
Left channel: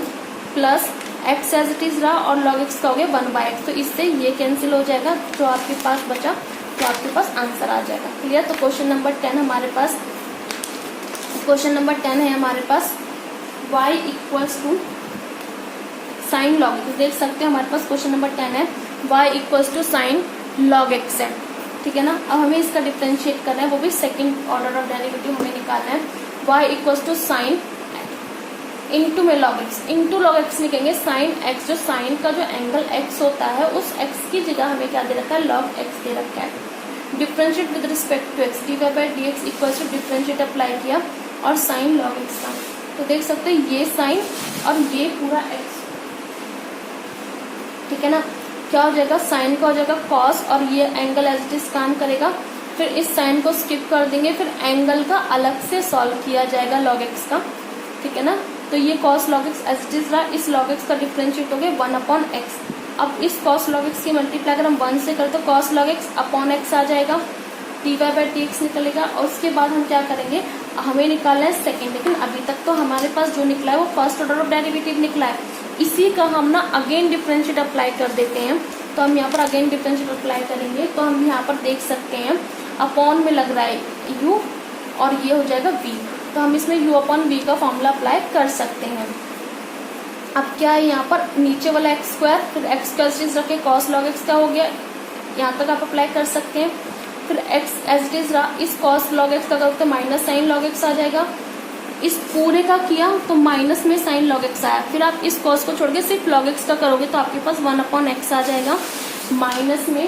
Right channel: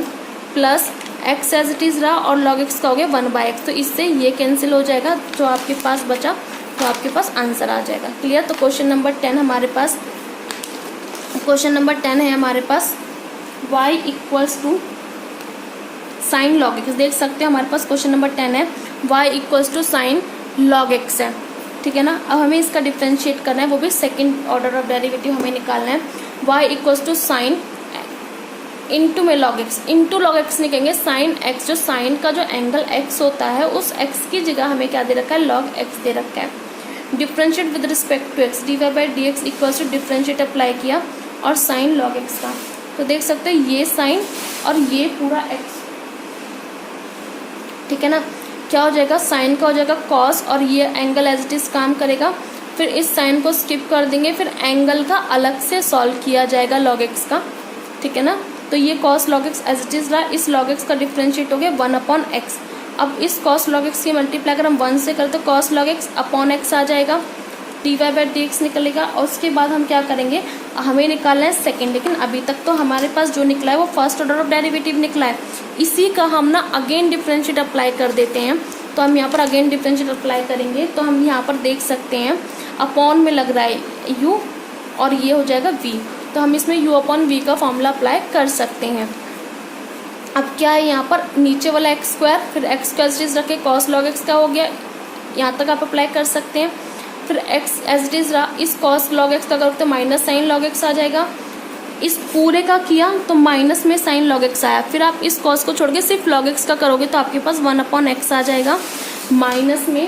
plus x as it is रहा और लॉग एक्स का हो गया 1 बाय एक्स। तो इससे ये कैंसिल हो जाएगा, जो आपके पास बचा तो आपके पास आंसर आ जाएगा। क्लियर। तो क्वेश्चन नंबर 10 हमारे पास, क्वेश्चन नंबर 10 है हमारे पास y equals to sine log x. देख सकते हैं हमारे पास क्वेश्चन नंबर 10 है, y equals to sine log x है, ठीक है ना। अब हमें इसका डिफरेंशिएट करना है, वो भी सेकंड ऑर्डर ऑफ डेरिवेटिव हमें निकालना है। y equals to sine into में log x, into log x लिखेंगे, साइन एक्स, जो साइन का जो एंगल x होता है उस x की जगह हमें क्या दे रखा है, लॉग एक्स दे रखा है। Differentiate with respect to x, d y by d x equals to differentiate apply किया और साइन लॉग एक्स का, तो देख सकते हैं ये साइन और ये पूरा x, ठीक है ना। क्या हो जाएगा, साइन का हो जाएगा कॉस और ये एंगल एज इट इज काम करेगा, फिर इस साइन को स्किप कर देंगे, फिर एंगल का अलग से सॉल्व किया जाएगा लॉग एक्स का, ठीक है ना। तो ये cos log x as it is रहा, इस लॉग एक्स का डिफरेंशिएट हो गया 1 अपॉन एक्स। अब इस कॉस लॉग एक्स की मल्टीप्लाई अगर हम 1 से करते तो cos log x upon x आ जाएगा, d y by d x निकलेगा, और उसके बाद हम क्या करेंगे, हमें निकालना है सेकेंड, लेकिन अभी तक तो हमारे पास जो निकला है वो फर्स्ट ऑर्डर ऑफ डेरिवेटिव निकला है, इसी का हम ना अगेन डिफरेंशिएट अप्लाई कर देते हैं। तो हम यहाँ पर अगेन डिफरेंशिएट अप्लाई करेंगे, तो हम यहाँ पर देख सकते हैं अपॉन में लग रहा है u और ये हो जाएगा v, तो हम इसमें u अपॉन v का फॉर्मूला अप्लाई कर सकते हैं। अब क्या है, यहाँ पर नीचे वाला एक्स स्क्वायर, फिर एक्स स्क्वायर चीज रखे, कॉस लॉग एक्स का हो गया, यहाँ तक आप अप्लाई कर सकते हैं। फिर एक्स एज इट इज रहा, इस कॉस लॉग एक्स का करोगे माइनस साइन लॉग एक्स आ जाएगा, इस पूरे का किया तो माइनस में साइन लॉग एक्स आया, फिर आप इस कॉस को छोड़ के सिर्फ लॉग एक्स का करोगे तो आपके पास 1 अपॉन एक्स आ जाएगा, माइनस में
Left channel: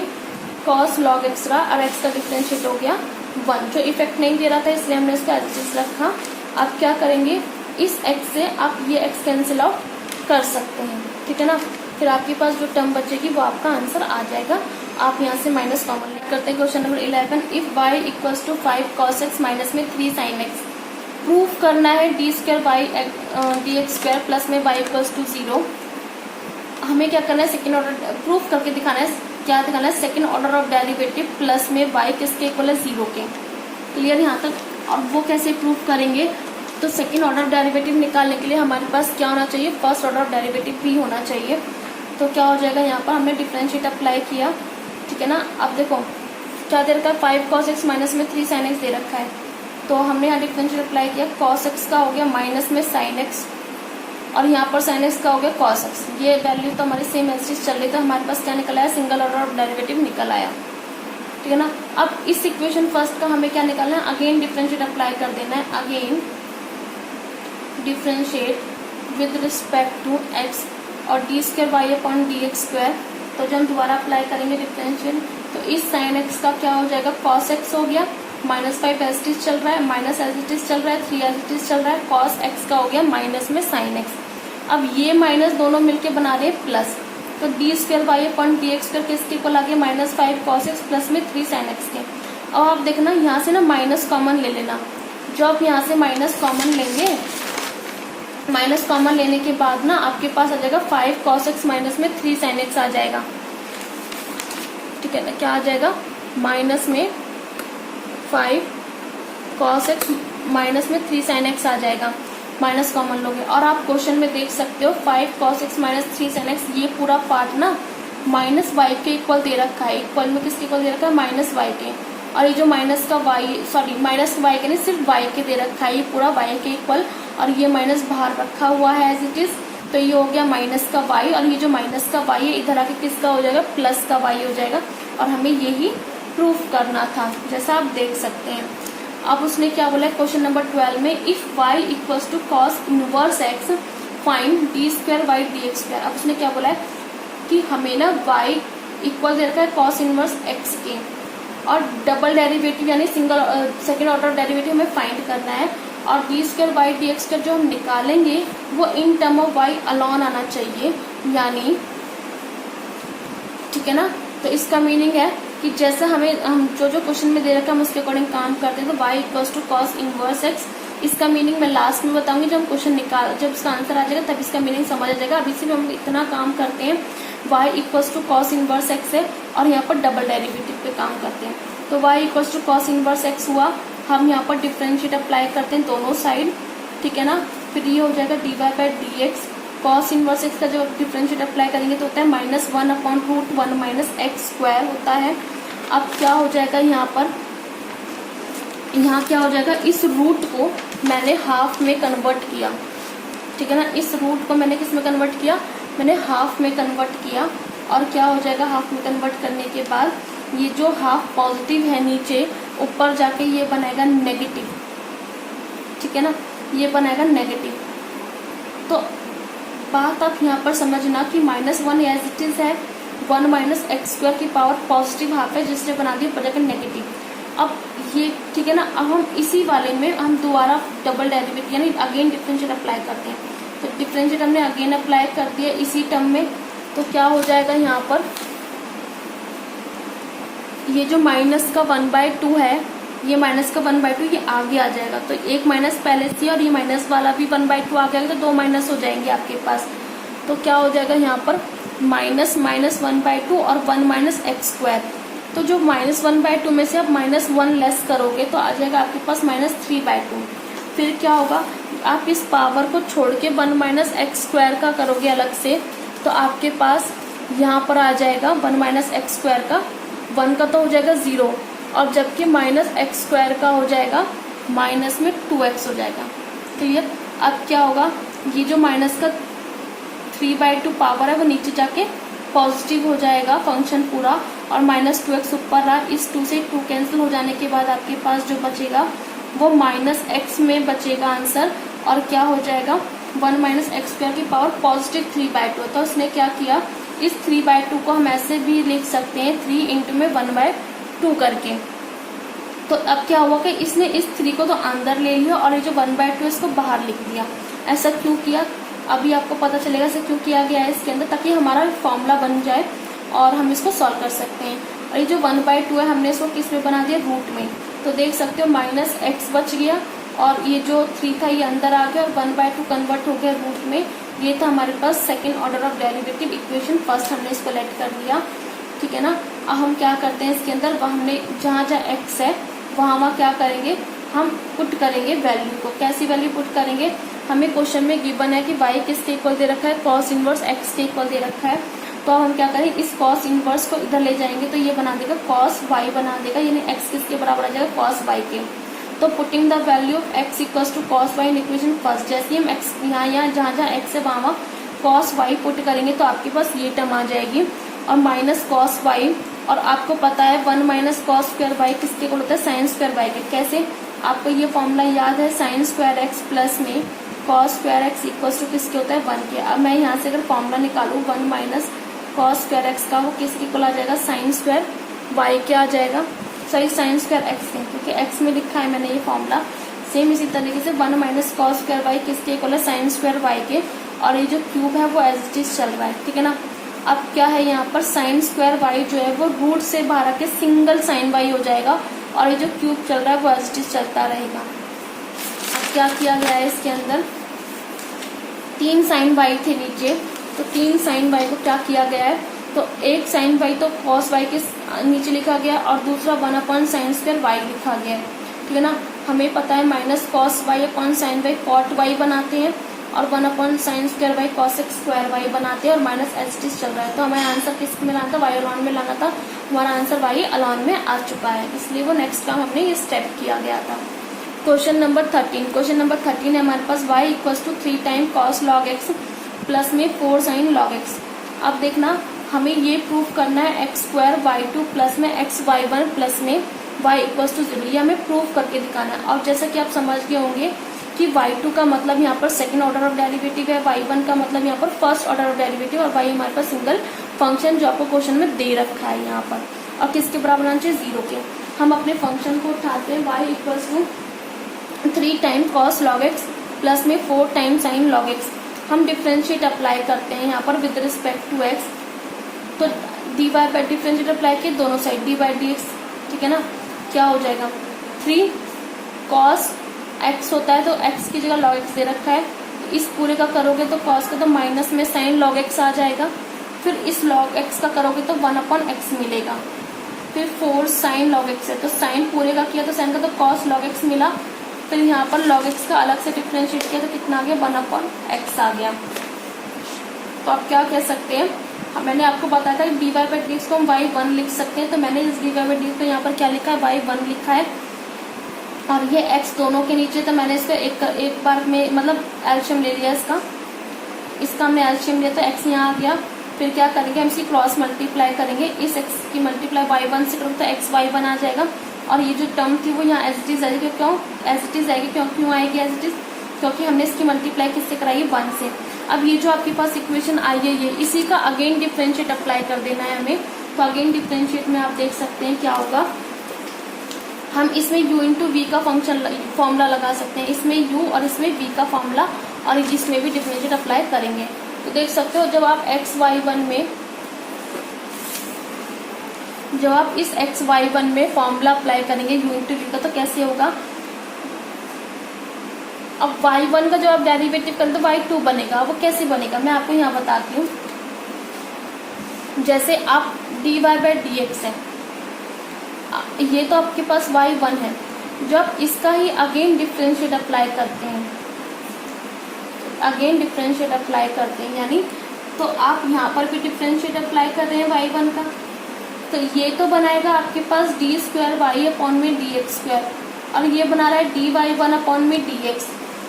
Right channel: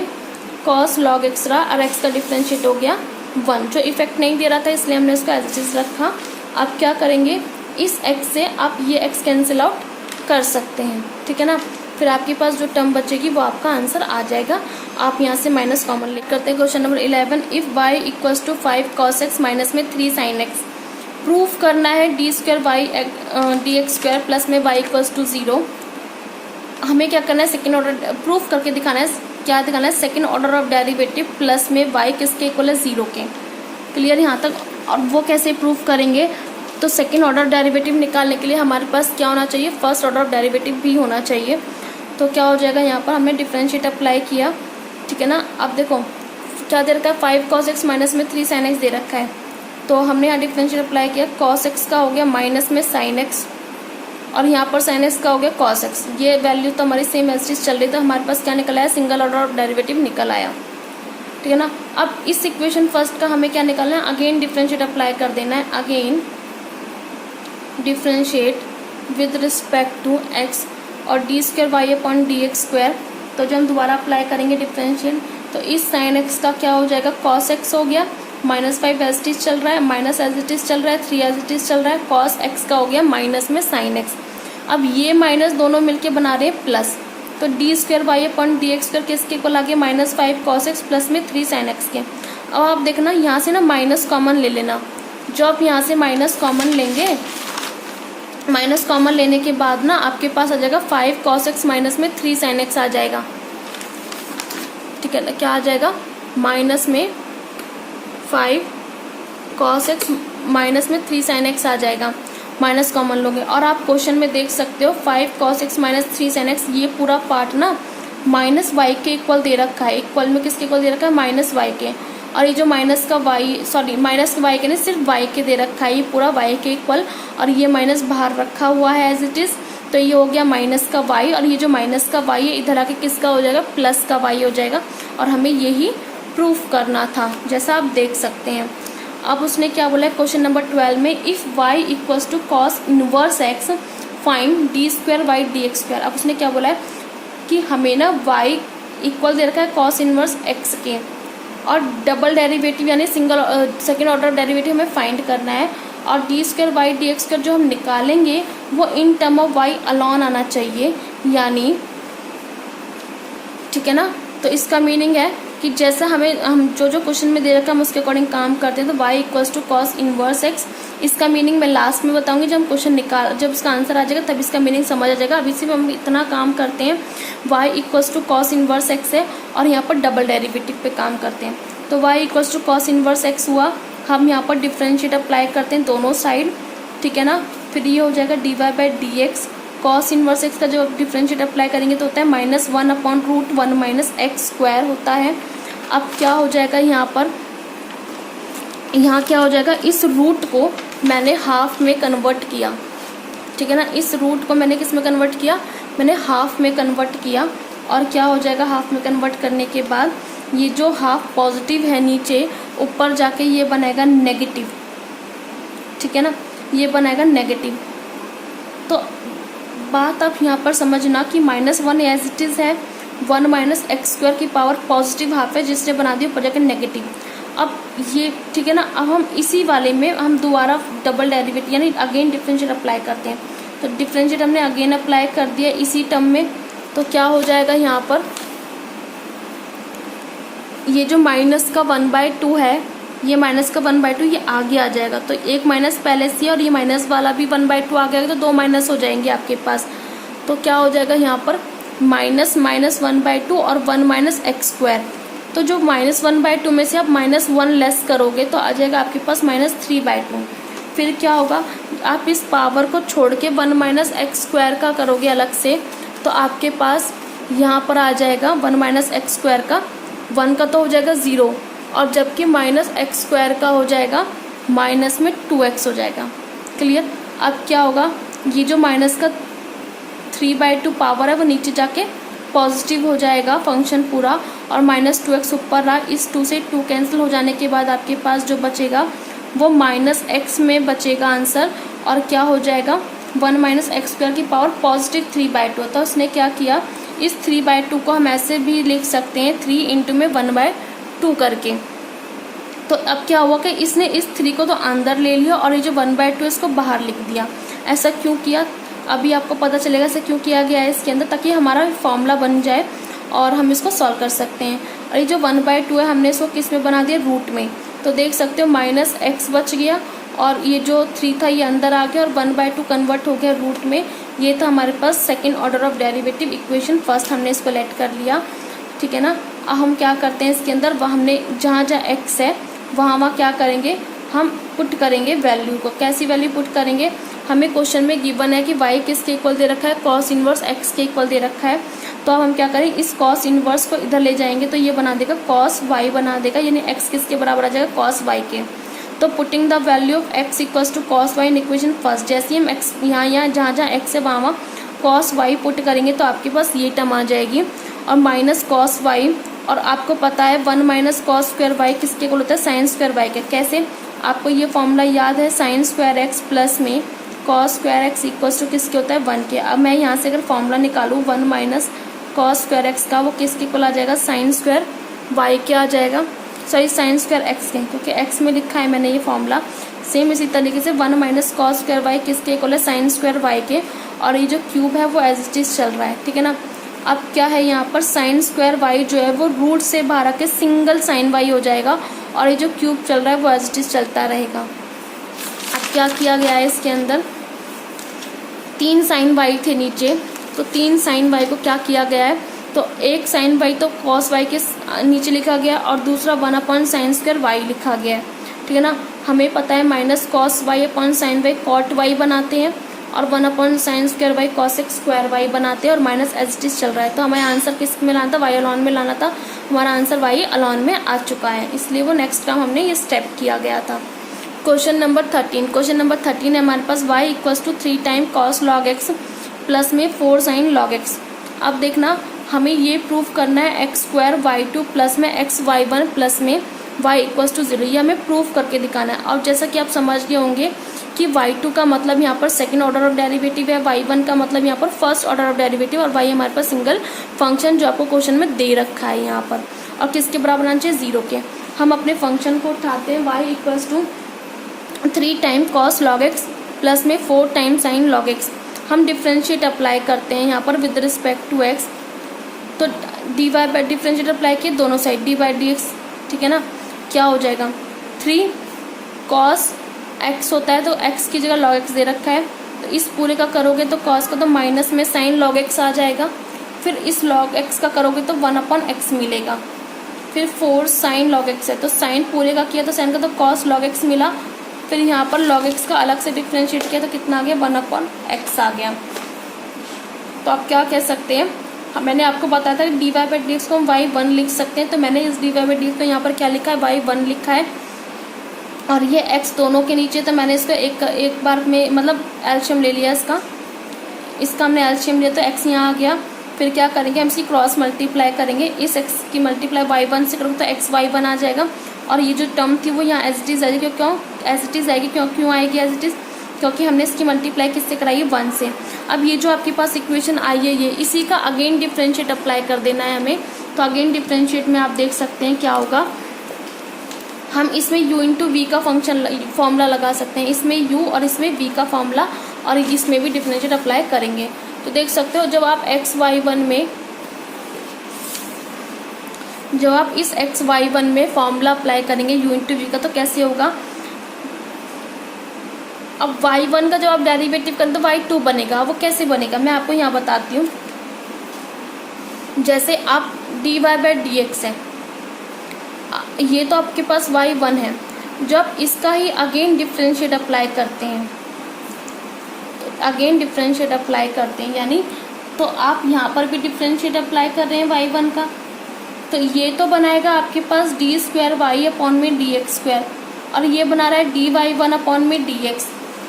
कॉस लॉग एक्स रहा और एक्स का डिफरेंशिएट हो गया 1, जो इफेक्ट नहीं दे रहा था इसलिए हमने इसको एज इट इज रखा। आप क्या करेंगे, इस एक्स से आप ये एक्स कैंसिल आउट कर सकते हैं, ठीक है ना। फिर आपके पास जो टर्म बचेगी वो आपका आंसर आ जाएगा। आप यहाँ से माइनस कॉमन लिख करते हैं। Question number 11, if y equals to 5 cos x minus में 3 sin x, प्रूफ करना है d square by d x square plus में y इक्वल्स टू 0। हमें क्या करना है, सेकेंड ऑर्डर प्रूफ करके दिखाना है, क्या दिखाना है, second order of derivative plus में y किसके इक्वल है, 0 के। क्लियर यहाँ तक। और वो कैसे प्रूफ करेंगे, तो सेकेंड ऑर्डर डेरिवेटिव निकालने के लिए हमारे पास क्या होना चाहिए, फर्स्ट ऑर्डर डेरिवेटिव भी होना चाहिए। तो क्या हो जाएगा, यहाँ पर हमने डिफरेंशिएट अप्लाई किया, ठीक है ना। अब देखो क्या दे रखा है, 5 cos x माइनस में 3 sin x दे रखा है, तो हमने यहाँ डिफरेंशिएट अप्लाई किया, cos x का हो गया माइनस में sin x और यहाँ पर sin x का हो गया cos x। ये वैल्यू तो हमारी सेम एज इट चल रही, तो हमारे पास क्या निकल आया, सिंगल ऑर्डर ऑफ डेरिवेटिव निकल आया। ठीक है ना। अब इस इक्वेशन फर्स्ट का हमें क्या निकालना है, अगेन डिफरेंशिएट अप्लाई कर देना है, again differentiate with respect to x और d square y upon d x square. तो जब हम दोबारा अप्लाई करेंगे डिफरेंशिएट, तो इस sin x का क्या हो जाएगा, cos x हो गया, -5 एज इट इज चल रहा है, माइनस एज इट इज चल रहा है, 3 एज इट इज चल रहा है, cos x का हो गया माइनस में sin x। अब ये माइनस दोनों मिलके बना रहे हैं प्लस, तो d square y upon d x square किसके इक्वल आ गया, -5 cos x प्लस में 3 sin x के। अब आप देखना यहाँ से ना माइनस कॉमन ले लेना, जो आप यहाँ से माइनस कॉमन लेंगे, माइनस कॉमन लेने के बाद ना आपके पास आ जाएगा 5 cos x माइनस में 3 sin x आ जाएगा। ठीक है ना, क्या आ जाएगा, माइनस में 5 cos x माइनस में 3 sin x आ जाएगा, माइनस कॉमन लोगे। और आप क्वेश्चन में देख सकते हो 5 cos x minus 3 sin x, ये पूरा पार्ट ना माइनस वाई के इक्वल दे रखा है, इक्वल में किसके इक्वल दे रखा है, माइनस वाई के। और ये जो माइनस का वाई, सॉरी माइनस वाई के नहीं, सिर्फ वाई के दे रखा है, ये पूरा वाई के इक्वल, और ये माइनस बाहर रखा हुआ है एज इट इज, तो ये हो गया माइनस का वाई, और ये जो माइनस का वाई है इधर आके किसका हो जाएगा, प्लस का वाई हो जाएगा। और हमें यही प्रूफ करना था, जैसा आप देख सकते हैं। अब उसने क्या बोला है क्वेश्चन नंबर 12 में, if y equals to cos inverse x find d square y d x square. अब उसने क्या बोला है कि हमें ना y इक्वल दे रखा है कॉस इनवर्स x के, और डबल डेरिवेटिव यानी सिंगल सेकेंड ऑर्डर डेरिवेटिव हमें फाइंड करना है, और d square y d x square जो हम निकालेंगे वो in term of y alone आना चाहिए, यानी ठीक है ना। तो इसका मीनिंग है कि जैसे हम जो क्वेश्चन में दे रखा है हम उसके अकॉर्डिंग काम करते हैं, तो y equals to cos inverse x। इसका मीनिंग मैं लास्ट में बताऊंगी, जब हम क्वेश्चन जब उसका आंसर आ जाएगा तब इसका मीनिंग समझ आ जाएगा। अभी से भी हम इतना काम करते हैं, y equals to cos inverse x है, और यहाँ पर डबल डेरिवेटिव पे काम करते हैं। तो y equals to cos inverse x हुआ, हम यहाँ पर डिफरेंशिएट अप्लाई करते हैं दोनों साइड, ठीक है ना। फिर ये हो जाएगा dy by d x, cos inverse x का जो डिफरेंशिएट अप्लाई करेंगे तो होता है -1 अपॉन √1 माइनस एक्स स्क्वायर होता है। अब क्या हो जाएगा यहाँ पर, यहाँ क्या हो जाएगा, इस रूट को मैंने हाफ में कन्वर्ट किया, ठीक है ना। इस रूट को मैंने किस में कन्वर्ट किया, मैंने हाफ में कन्वर्ट किया, और क्या हो जाएगा, हाफ में कन्वर्ट करने के बाद ये जो हाफ पॉजिटिव है नीचे, ऊपर जाके ये बनेगा नेगेटिव, ठीक है ना, ये बनेगा नेगेटिव। तो बात आप यहाँ पर समझना कि -1 एज इट इज है, 1 माइनस एक्स स्क्वायर की पावर पॉजिटिव हाफ है, जिसने बना दी ऊपर जाके नेगेटिव। अब ये ठीक है ना, अब हम इसी वाले में हम दोबारा डबल डेरिवेटिव यानी अगेन डिफरेंशिएट अप्लाई करते हैं। तो डिफरेंशिएट हमने अगेन अप्लाई कर दिया इसी टर्म में, तो क्या हो जाएगा यहाँ पर, ये जो माइनस का 1/2 है, ये माइनस का 1/2 ये आगे आ जाएगा, तो एक माइनस पहले से, और ये माइनस वाला भी 1/2 आ गया, तो 2 माइनस हो जाएंगे आपके पास। तो क्या हो जाएगा यहाँ पर, माइनस 1/2 और 1 माइनस एक्स स्क्वायर। तो जो -1/2 में से आप -1 लेस करोगे तो आ जाएगा आपके पास -3/2। फिर क्या होगा, आप इस पावर को छोड़ के 1 माइनस एक्स स्क्वायर का करोगे अलग से, तो आपके पास यहाँ पर आ जाएगा 1 माइनस एक्स स्क्वायर का, 1 का तो हो जाएगा 0, और जबकि माइनस एक्स स्क्वायर का हो जाएगा माइनस में 2x हो जाएगा। क्लियर। अब क्या होगा, ये जो माइनस का 3/2 पावर है वो नीचे जाके पॉजिटिव हो जाएगा फंक्शन पूरा, और -2x ऊपर रहा, इस 2 से 2 कैंसिल हो जाने के बाद आपके पास जो बचेगा वो -x में बचेगा आंसर, और क्या हो जाएगा 1 माइनस एक्स स्क्वायर की पावर पॉजिटिव 3/2। तो उसने क्या किया, इस 3/2 को हम ऐसे भी लिख सकते हैं 3 इंटू में 1/2 करके। तो अब क्या हुआ कि इसने इस 3 को तो अंदर ले लिया और ये जो 1/2 इसको बाहर लिख दिया। ऐसा क्यों किया, अभी आपको पता चलेगा ऐसा क्यों किया गया है इसके अंदर, ताकि हमारा फॉर्मूला बन जाए और हम इसको सॉल्व कर सकते हैं। और ये जो 1/2 है हमने इसको किस में बना दिया, रूट में। तो देख सकते हो -x बच गया, और ये जो 3 था ये अंदर आ गया, और 1/2 कन्वर्ट हो गया रूट में। ये था हमारे पास second order of derivative equation, first हमने इसको लेट कर लिया, ठीक है ना। अब हम क्या करते हैं इसके अंदर, हमने जहाँ x है वहाँ क्या करेंगे, हम पुट करेंगे वैल्यू को। कैसी वैल्यू पुट करेंगे, हमें क्वेश्चन में गिवन है कि y किसके इक्वल दे रखा है, कॉस इनवर्स x के इक्वल दे रखा है। तो अब हम क्या करें, इस कॉस इनवर्स को इधर ले जाएंगे तो ये बना देगा कॉस y बना देगा, यानी x किसके बराबर आ जाएगा, कॉस y के। तो putting the value of x equals to cos y in equation first, जैसे ही हम x यहाँ जहाँ x है वहाँ कॉस वाई पुट करेंगे तो आपके पास ये टर्म आ जाएगी और माइनस कॉस वाई, और आपको पता है 1 माइनस कॉस स्क्वायर वाई किसके इक्वल होता है, साइन स्क्वायर वाई के। कैसे, आपको ये फॉर्मूला याद है, साइन स्क्वायर एक्स प्लस में cos square x equals to किसके होता है, 1 के। अब मैं यहाँ से अगर फॉर्मूला निकालूँ 1 माइनस कॉस स्क्वायर एक्स का, वो किसके इक्वल आ जाएगा, साइन स्क्वायर वाई के आ जाएगा, सॉरी साइन स्क्वायर एक्स के, क्योंकि एक्स में लिखा है मैंने ये फॉर्मूला। सेम इसी तरीके से 1 माइनस कॉस स्क्वायर वाई किसके इक्वल है, साइन स्क्वायर वाई के, और ये जो क्यूब है वो एज इट इज चल रहा है, ठीक है ना। अब क्या है यहाँ पर, साइन स्क्वायर वाई जो है वो रूट से बाहर आके सिंगल साइन वाई हो जाएगा, और ये जो क्यूब चल रहा है वो एज इट इज चलता रहेगा। अब क्या किया गया है इसके अंदर, 3 साइन वाई थे नीचे, तो 3 साइन वाई को क्या किया गया है, तो एक साइन वाई तो कॉस वाई के नीचे लिखा गया और दूसरा 1 साइन स्क्वायर वाई लिखा गया है, ठीक है ना। हमें पता है minus cos y upon sine y cot y बनाते हैं, और 1 sine square y cos x square y बनाते हैं, और माइनस एच टी चल रहा है। तो हमें आंसर किस में लाना था, वाई अलॉन में लाना था, हमारा आंसर वाई अलॉन में आ चुका है, इसलिए वो नेक्स्ट काम हमने ये स्टेप किया गया था। क्वेश्चन नंबर 13, क्वेश्चन नंबर 13 है हमारे पास, y equals to 3 time cos log x plus में 4 साइन लॉग एक्स। अब देखना, हमें ये प्रूफ करना है x square y two plus में एक्स वाई वन प्लस में y इक्वल्स टू 0, ये हमें प्रूफ करके दिखाना है। और जैसा कि आप समझ गए होंगे कि y2 का मतलब यहाँ पर सेकंड ऑर्डर ऑफ डेरिवेटिव है, y1 का मतलब यहाँ पर फर्स्ट ऑर्डर ऑफ डेरिवेटिव, और y हमारे पास सिंगल फंक्शन जो आपको क्वेश्चन में दे रखा है यहाँ पर, और किसके बराबर आना चाहिए, 0 के। हम अपने फंक्शन को उठाते हैं, y equals to 3 time cos log x plus में 4 टाइम साइन लॉग एक्स। हम डिफ्रेंशिएट अप्लाई करते हैं यहाँ पर विद रिस्पेक्ट टू एक्स, तो d y by differentiate apply किए दोनों side, d by d x, ठीक है ना। क्या हो जाएगा, 3 कॉस एक्स होता है तो एक्स की जगह लॉग एक्स दे रखा है, तो इस पूरे का करोगे तो कॉस का तो माइनस में साइन लॉग एक्स आ जाएगा, फिर इस लॉग एक्स का करोगे तो 1/x मिलेगा, फिर 4 साइन लॉग एक्स है तो साइन पूरे का किया तो साइन का तो कॉस लॉग एक्स मिला, फिर यहाँ पर लॉग एक्स का अलग से डिफ्रेंशिएट किया तो कितना आ गया, 1/x आ गया। तो आप क्या कह सकते हैं, मैंने आपको बताया था d y by d x को हम y1 लिख सकते हैं, तो मैंने इस d y by d x को यहाँ पर क्या लिखा है, y1 लिखा है, और ये x दोनों के नीचे, तो मैंने इसको एक बार में मतलब एलसीएम ले लिया इसका हमने एलसीएम लिया तो x यहाँ आ गया। फिर क्या करेंगे, हम इसकी क्रॉस मल्टीप्लाई करेंगे, इस x की मल्टीप्लाई y1 से करोगे तो x y1 आ जाएगा, और ये जो टर्म थी वो यहाँ एज इट इज आएगी, क्यों एज इट इज आएगी, क्यों आएगी एज इट इज, क्योंकि हमने इसकी मल्टीप्लाई किससे कराई है, 1 से। अब ये जो आपके पास इक्वेशन आई है ये इसी का अगेन डिफरेंशिएट अप्लाई कर देना है हमें, तो अगेन डिफरेंशिएट में आप देख सकते हैं क्या होगा, हम इसमें u इंटू वी का फॉर्मूला लगा सकते हैं, इसमें u और इसमें v का फॉर्मूला, और इसमें भी डिफरेंशिएट अप्लाई करेंगे। तो देख सकते हो जब आप इस xy1 में फॉर्मूला अप्लाई करेंगे u इंटू वी का, तो कैसे होगा, अब y1 का जब आप डेरिवेटिव करें तो y2 बनेगा, वो कैसे बनेगा मैं आपको यहाँ बताती हूँ। जैसे आप dy बाई डी एक्स है, ये तो आपके पास y1 है, जब इसका ही अगेन डिफरेंशिएट अप्लाई करते हैं, यानी तो आप यहाँ पर भी डिफरेंशिएट अप्लाई कर रहे हैं y1 का, तो ये तो बनाएगा आपके पास डी स्क्वायर वाई अपॉन में डी एक्स स्क्वायर, और ये बना रहा है डी वाई वन अपॉन में डी एक्स,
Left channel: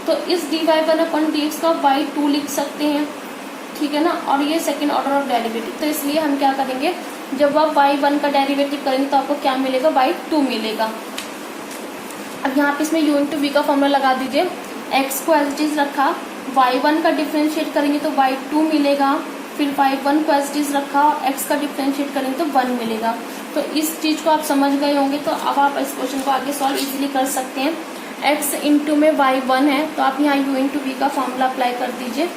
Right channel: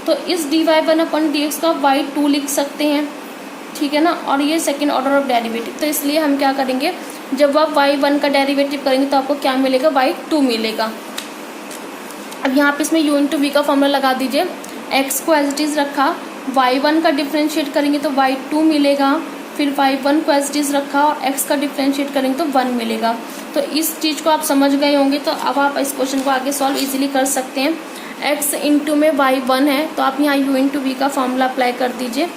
तो इस d y one upon d x का y2 लिख सकते हैं, ठीक है ना, और ये सेकेंड ऑर्डर ऑफ डेरिवेटिव। तो इसलिए हम क्या करेंगे, जब आप y1 का डेरिवेटिव करेंगे तो आपको क्या मिलेगा, y2 मिलेगा। अब यहाँ पे इसमें u इंटू वी का फॉर्मूला लगा दीजिए, x को एज इट इज रखा, y1 का डिफरेंशिएट करेंगे तो y2 मिलेगा, फिर y1 को एज इट इज रखा और x का डिफरेंशिएट करेंगे तो 1 मिलेगा। तो इस चीज को आप समझ गए होंगे, तो अब आप इस क्वेश्चन को आगे सॉल्व इजीली कर सकते हैं। x इंटू में y1 है तो आप यहाँ u इंटू वी का फॉर्मूला अप्लाई कर दीजिए,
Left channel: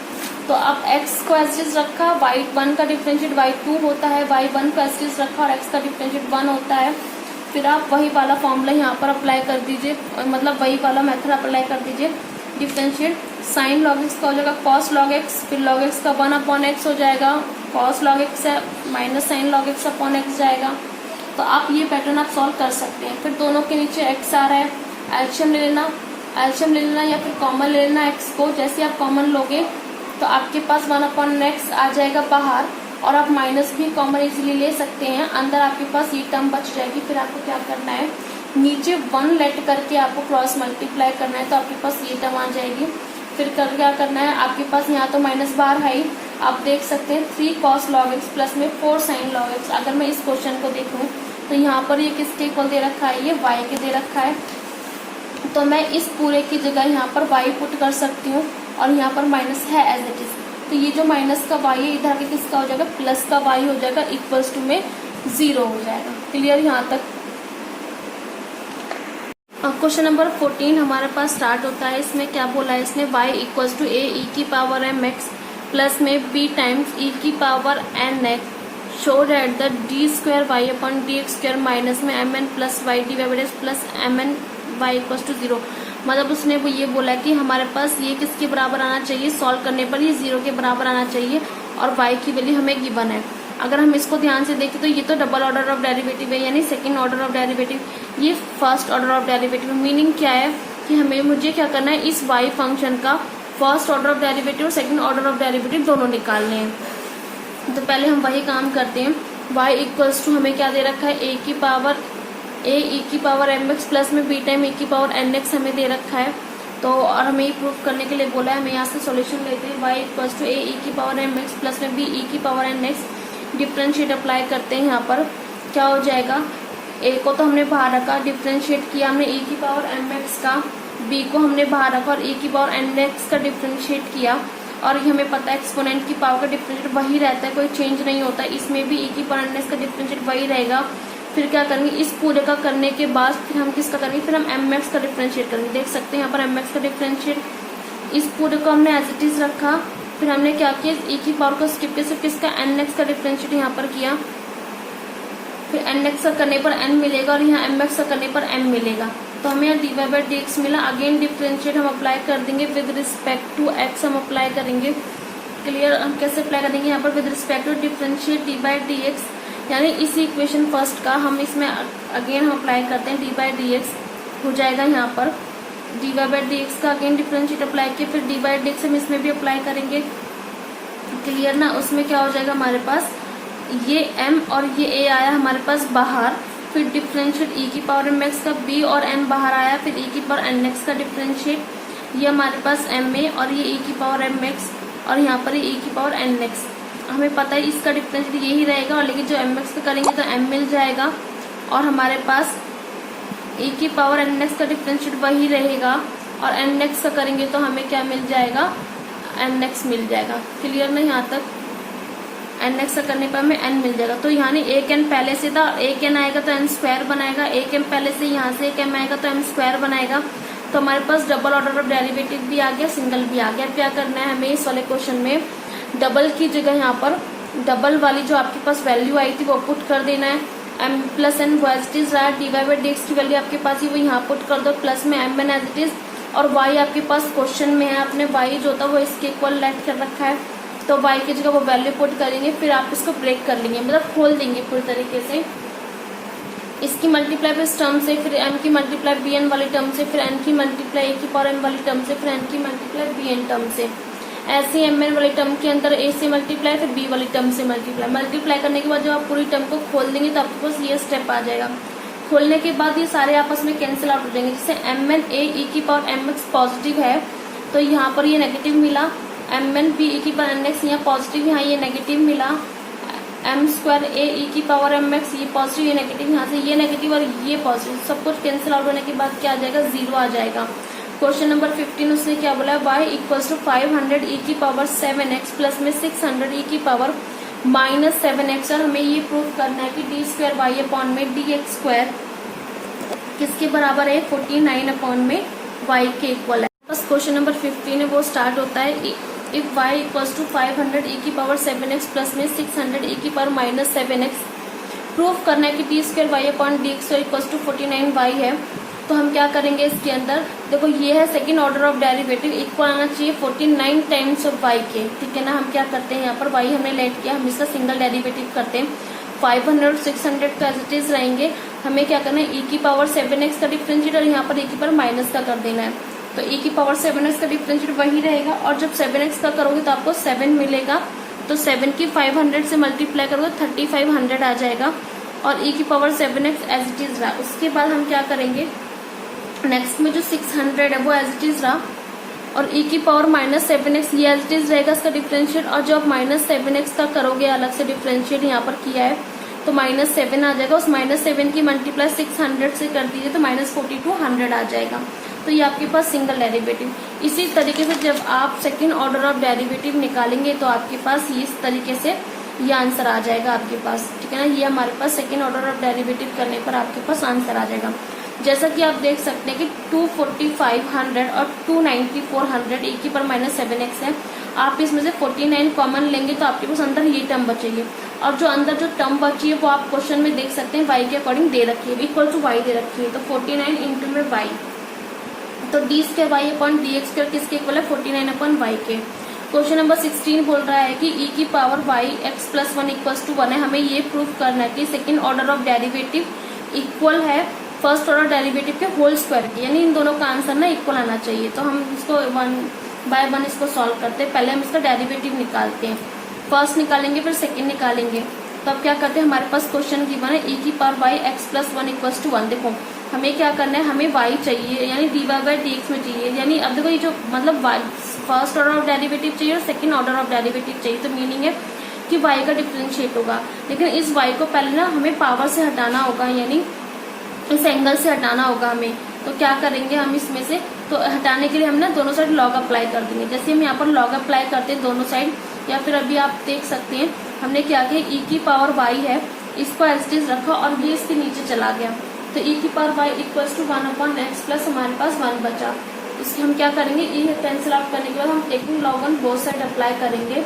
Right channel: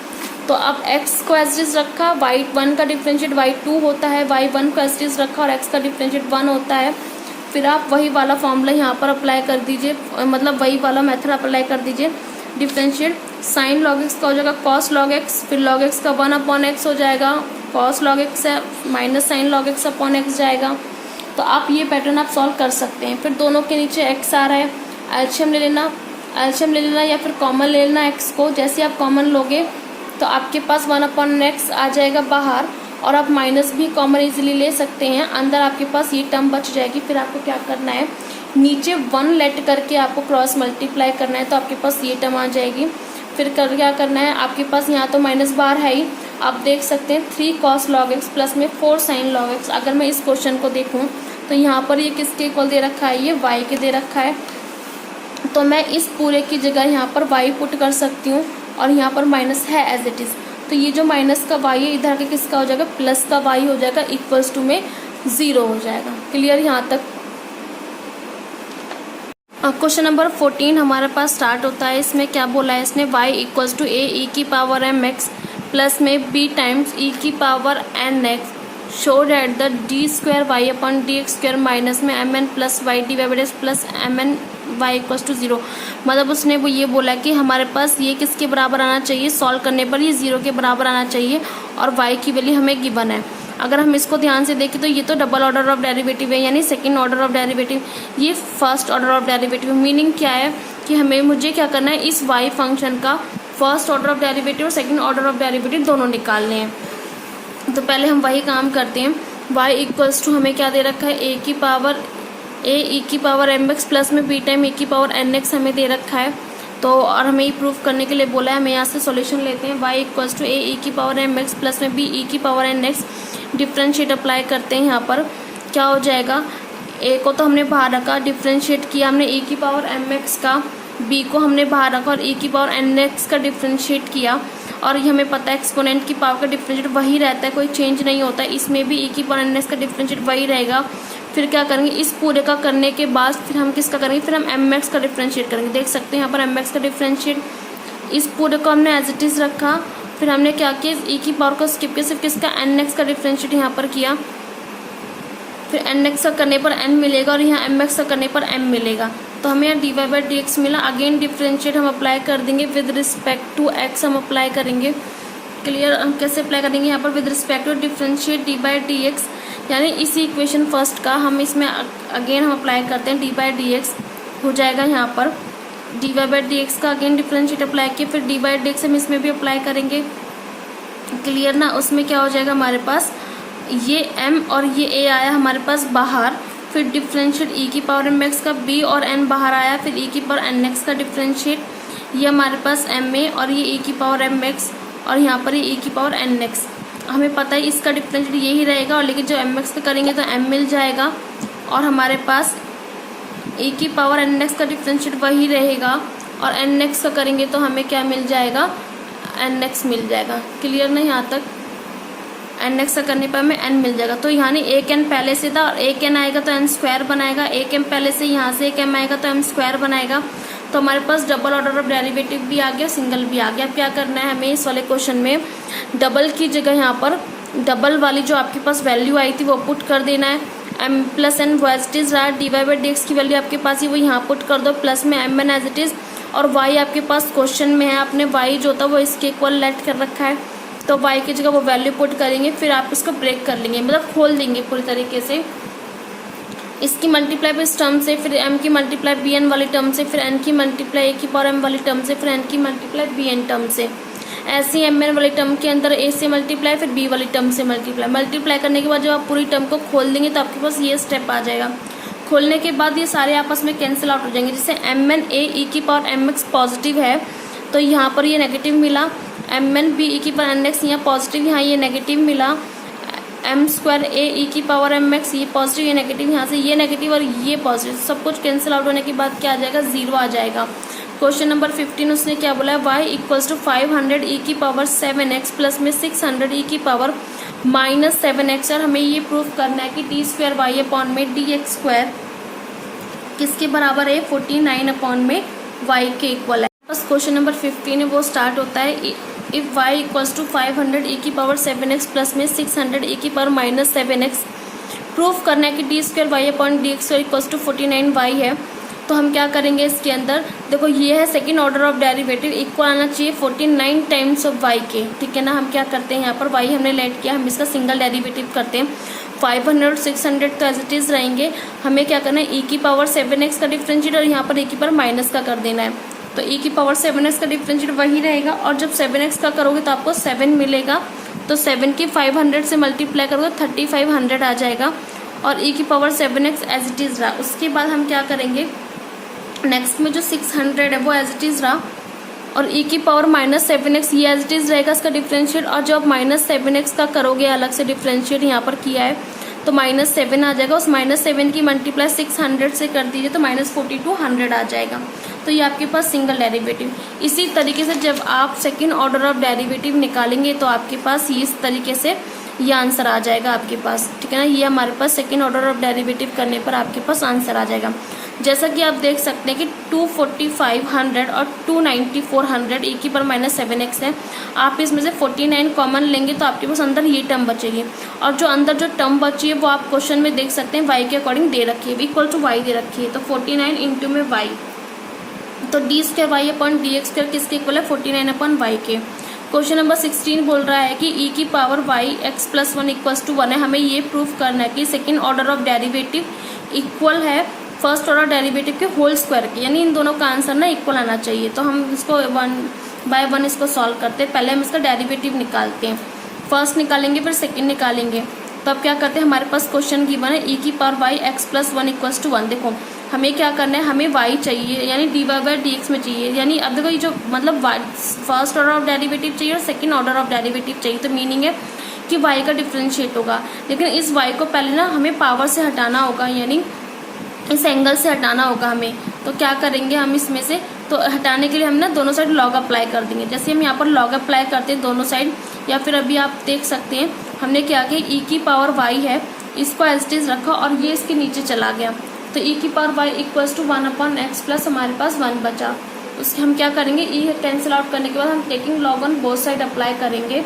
तो अब x को एज इट इज रखा, y1 का डिफरेंशिएट y2 होता है, y1 को एज इट इज रखा और x का डिफरेंशिएट 1 होता है, फिर आप वही वाला फॉर्मूला यहाँ पर अप्लाई कर दीजिए, मतलब वही वाला मेथड अप्लाई कर दीजिए। डिफरेंशिएट साइन लॉग एक्स का हो जाएगा कॉस लॉग एक्स, फिर लॉग एक्स का 1/x हो जाएगा, कॉस लॉग एक्स है minus sign log x upon x जाएगा। तो आप ये पैटर्न आप सॉल्व कर सकते हैं। फिर दोनों के नीचे x आ रहा है, एलसीएम ले लेना या फिर कॉमन ले लेना x को। जैसे आप कॉमन लोगे तो आपके पास 1/x आ जाएगा बाहर, और आप माइनस भी कॉमन इजीली ले सकते हैं, अंदर आपके पास ये टर्म बच जाएगी। फिर आपको क्या करना है, नीचे 1 लेट करके आपको क्रॉस मल्टीप्लाई करना है, तो आपके पास ये टर्म आ जाएगी। फिर क्या करना है, आपके पास यहाँ तो माइनस बार है ही, आप देख सकते हैं 3 cos log x प्लस में 4 sin log x। अगर मैं इस क्वेश्चन को देखूं तो यहाँ पर ये किसके इक्वल दे रखा है, ये y के दे रखा है। तो मैं इस पूरे की जगह यहाँ पर y पुट कर सकती हूँ और यहाँ पर माइनस है एज इट इज। तो ये जो माइनस का y है इधर के किसका हो जाएगा, प्लस का y हो जाएगा, इक्वल्स टू में 0 हो जाएगा। क्लियर यहाँ तक। अब क्वेश्चन नंबर 14 हमारे पास स्टार्ट होता है। इसमें क्या बोला है इसने, y equals to a e की पावर m x प्लस में b टाइम्स e की power n x show that the d square y upon d x square minus में m n plus y d plus m n y equals to 0। मतलब उसने वो ये बोला कि हमारे पास ये किसके बराबर आना चाहिए, सॉल्व करने पर ये 0 के बराबर आना चाहिए और y की वैल्यू हमें गिवन है। अगर हम इसको ध्यान से देखें तो ये तो डबल ऑर्डर ऑफ डेरिवेटिव है, यानी सेकंड ऑर्डर ऑफ डेरिवेटिव, ये first order of derivative. Meaning क्या है कि मुझे क्या करना है, इस y फंक्शन का फर्स्ट ऑर्डर ऑफ डेरिवेटिव और सेकंड ऑर्डर ऑफ डेरिवेटिव दोनों निकालने हैं। तो पहले हम वही काम करते हैं। y इक्वल्स टू हमें क्या दे रखा है, a e की पावर एम एक्स प्लस में b टाइम e की पावर एन एक्स हमें दे रखा है। तो और हमें ये प्रूफ करने के लिए बोला है, हमें यहाँ से सॉल्यूशन लेते हैं। y equals to a e की पावर एम एक्स प्लस में b e की power n x, differentiate apply करते हैं। यहाँ पर क्या हो जाएगा, a को तो हमने बाहर रखा, डिफ्रेंशिएट किया हमने e की पावर एम एक्स का, b को हमने बाहर रखा और e की पावर एन एक्स का डिफ्रेंशिएट किया। और ये हमें पता है एक्सपोनेंट की पावर का डिफरेंशिएट वही रहता है, कोई चेंज नहीं होता है। इसमें भी e की पावर एन एक्स का डिफरेंशिएट वही रहेगा। फिर क्या करेंगे, इस पूरे का करने के बाद फिर हम किसका करेंगे, फिर हम एम एक्स का डिफरेंशिएट करेंगे। देख सकते हैं यहाँ पर एम एक्स का डिफरेंशिएट, इस पूरे को हमने एज इट इज रखा। फिर हमने क्या किया, e की पावर को स्किप किया, सिर्फ किसका एन एक्स का डिफरेंशिएट यहाँ पर किया। फिर एन एक्स का करने पर n मिलेगा और यहाँ एम एक्स का करने पर m मिलेगा। तो हमें यहाँ d y by d x मिला। अगेन डिफरेंशिएट हम अप्लाई कर देंगे विद रिस्पेक्ट टू x हम अप्लाई करेंगे। क्लियर, हम कैसे अप्लाई करेंगे यहाँ पर, with respect to differentiate d by d x, यानी इसी इक्वेशन फर्स्ट का हम इसमें अगेन हम अप्लाई करते हैं। डी बाई डी एक्स हो जाएगा यहाँ पर d y by d x का अगेन डिफरेंशिएट अप्लाई किया, फिर डी बाई डी एक्स हम इसमें भी अप्लाई करेंगे। क्लियर ना, उसमें क्या हो जाएगा हमारे पास, ये m और ये a आया हमारे पास बाहर, फिर डिफरेंशिएट e की पावर एम एक्स का, b और n बाहर आया, फिर e की पावर एन एक्स का डिफरेंशिएट, ये हमारे पास m a और ये e की पावर एम एक्स और यहाँ पर ये e की पावर एन एक्स। हमें पता है इसका डिफरेंशिएट यही रहेगा, और लेकिन जो एम एक्स का करेंगे तो m मिल जाएगा और हमारे पास e की पावर एन एक्स का डिफरेंशिएट वही रहेगा और एन एक्स का करेंगे तो हमें क्या मिल जाएगा, एन एक्स मिल जाएगा। क्लियर ना, यहाँ तक एन एक्स का करने पर हमें n मिल जाएगा। तो यहाँ नहीं, एक n पहले से था, एक n आएगा तो n स्क्वायर बनाएगा, एक m पहले से यहाँ से एक m आएगा तो m स्क्वायर बनाएगा। तो हमारे पास डबल ऑर्डर ऑफ डेरिवेटिव भी आ गया, सिंगल भी आ गया। क्या करना है हमें इस वाले क्वेश्चन में, डबल की जगह यहाँ पर डबल वाली जो आपके पास वैल्यू आई थी वो पुट कर देना है। m plus n as it is रहा, d y by d x की वैल्यू आपके पास ही वो यहाँ पुट कर दो, प्लस में m n as it is, और y आपके पास क्वेश्चन में है, आपने y जो था वो इसके इक्वल लेट कर रखा है, तो y की जगह वो वैल्यू पुट करेंगे। फिर आप इसको ब्रेक कर लेंगे, मतलब खोल देंगे पूरी तरीके से, इसकी मल्टीप्लाई इस टर्म से, फिर m की मल्टीप्लाई bn वाली टर्म से, फिर n की मल्टीप्लाई a की पावर m वाली टर्म से, फिर n की मल्टीप्लाई bn टर्म से। ऐसे ही mn वाली टर्म के अंदर a से मल्टीप्लाई, फिर b वाली टर्म से मल्टीप्लाई करने के बाद जब आप पूरी टर्म को खोल देंगे तो आपके पास ये स्टेप आ जाएगा। खोलने के बाद ये सारे आपस में कैंसिल आउट हो जाएंगे। जैसे mn a e की पावर mx पॉजिटिव है तो यहाँ पर ये नेगेटिव मिला, mn b e की पावर nx यहाँ पॉजिटिव, यहाँ ये नेगेटिव मिला, m स्क्वायर a e की पावर mx ये पॉजिटिव, ये नेगेटिव, यहाँ से ये नेगेटिव और ये पॉजिटिव, सब कुछ कैंसिल आउट होने के बाद क्या आ जाएगा, 0 आ जाएगा। क्वेश्चन नंबर 15 उसने क्या बोला है, y इक्वल्स टू 500 e की पावर 7x प्लस में 600 e की पावर माइनस 7x, और हमें ये प्रूफ करना है कि डी स्क्वायर वाई अपॉन में डी एक्स स्क्वायर किसके बराबर है, 49 अपॉन में y के इक्वल है। बस क्वेश्चन नंबर 15 है वो स्टार्ट होता है, if y equals to 500 e की पावर 7x प्लस में 600 e की पावर माइनस 7x, प्रूफ करना है कि d square y upon d x equals to 49y है। तो हम क्या करेंगे इसके अंदर, देखो ये है second order of derivative, equal आना चाहिए 49 टाइम्स ऑफ y के, ठीक है ना। हम क्या करते हैं यहाँ पर y हमने लेट किया, हम इसका सिंगल डेरिवेटिव करते हैं। 500 600 तो एज इट इज रहेंगे, हमें क्या करना है e की पावर 7x का डिफरेंशिएट और यहाँ पर e की पावर माइनस का कर देना है। तो e की पावर 7x का डिफरेंशिएट वही रहेगा, और जब 7x का करोगे तो आपको 7 मिलेगा, तो 7 की 500 से मल्टीप्लाई करोगे 3500 आ जाएगा। और e की power 7x as it is रहा। उसके बाद हम क्या करेंगे, नेक्स्ट में जो 600 है वो एज इट इज रहा और e की पावर -7x ये एज इट इज रहेगा इसका डिफरेंशिएट। और जब -7x का करोगे अलग से डिफरेंशिएट यहाँ पर किया है तो -7 आ जाएगा। उस -7 की मल्टीप्लाई 600 से कर दीजिए तो -42 100 आ जाएगा। तो ये आपके पास सिंगल डेरिवेटिव। इसी तरीके से जब आप सेकेंड ऑर्डर ऑफ डेरिवेटिव निकालेंगे तो आपके पास ये इस तरीके से ये आंसर आ जाएगा आपके पास, ठीक है ना। ये हमारे पास सेकेंड ऑर्डर ऑफ डेरिवेटिव करने पर आपके पास आंसर आ जाएगा। जैसा कि आप देख सकते हैं कि 245 100 और 294 100 e की पावर -7x है। आप इसमें से 49 कॉमन लेंगे तो आपके पास अंदर ये टर्म बचेगी और जो अंदर जो टर्म बची है वो आप क्वेश्चन में देख सकते हैं y के अकॉर्डिंग दे रखी है, इक्वल टू y दे रखी है। तो 49 इंटू में y, तो d2y/dx2 किसके इक्वल है 49/y के। क्वेश्चन नंबर 16 बोल रहा है कि e की पावर y x+1 = 1 है। हमें ये प्रूफ करना है कि second order of derivative equal है फर्स्ट ऑर्डर डेरिवेटिव के होल स्क्वायर के, यानी इन दोनों का आंसर ना इक्वल आना चाहिए। तो हम इसको 1 बाय 1 इसको सॉल्व करते हैं। पहले हम इसका डेरिवेटिव निकालते हैं, फर्स्ट निकालेंगे फिर सेकंड निकालेंगे। तो अब क्या करते हैं, हमारे पास क्वेश्चन गिवन है e की पावर y x+1 = 1। देखो हमें क्या करना है, हमें y चाहिए यानी dy/dx में चाहिए, यानी अब देखो ये जो मतलब फर्स्ट ऑर्डर ऑफ डेरिवेटिव चाहिए और सेकंड ऑर्डर ऑफ डेरिवेटिव चाहिए। तो मीनिंग है कि y का डिफरेंशिएट होगा, लेकिन इस y को पहले ना हमें पावर से हटाना होगा, यानी इस एंगल से हटाना होगा हमें। तो क्या करेंगे हम इसमें से, तो हटाने के लिए हम ना दोनों साइड लॉग अप्लाई कर देंगे। जैसे हम यहाँ पर लॉग अप्लाई करते हैं दोनों साइड, या फिर अभी आप देख सकते हैं हमने क्या किया, e की पावर y है इसको एज इट इज रखा और ये इसके नीचे चला गया। तो e की पावर y = 1/x प्लस हमारे पास 1 बचा। इसके हम क्या करेंगे, e कैंसिल आउट करने के बाद हम taking log on both side apply करेंगे।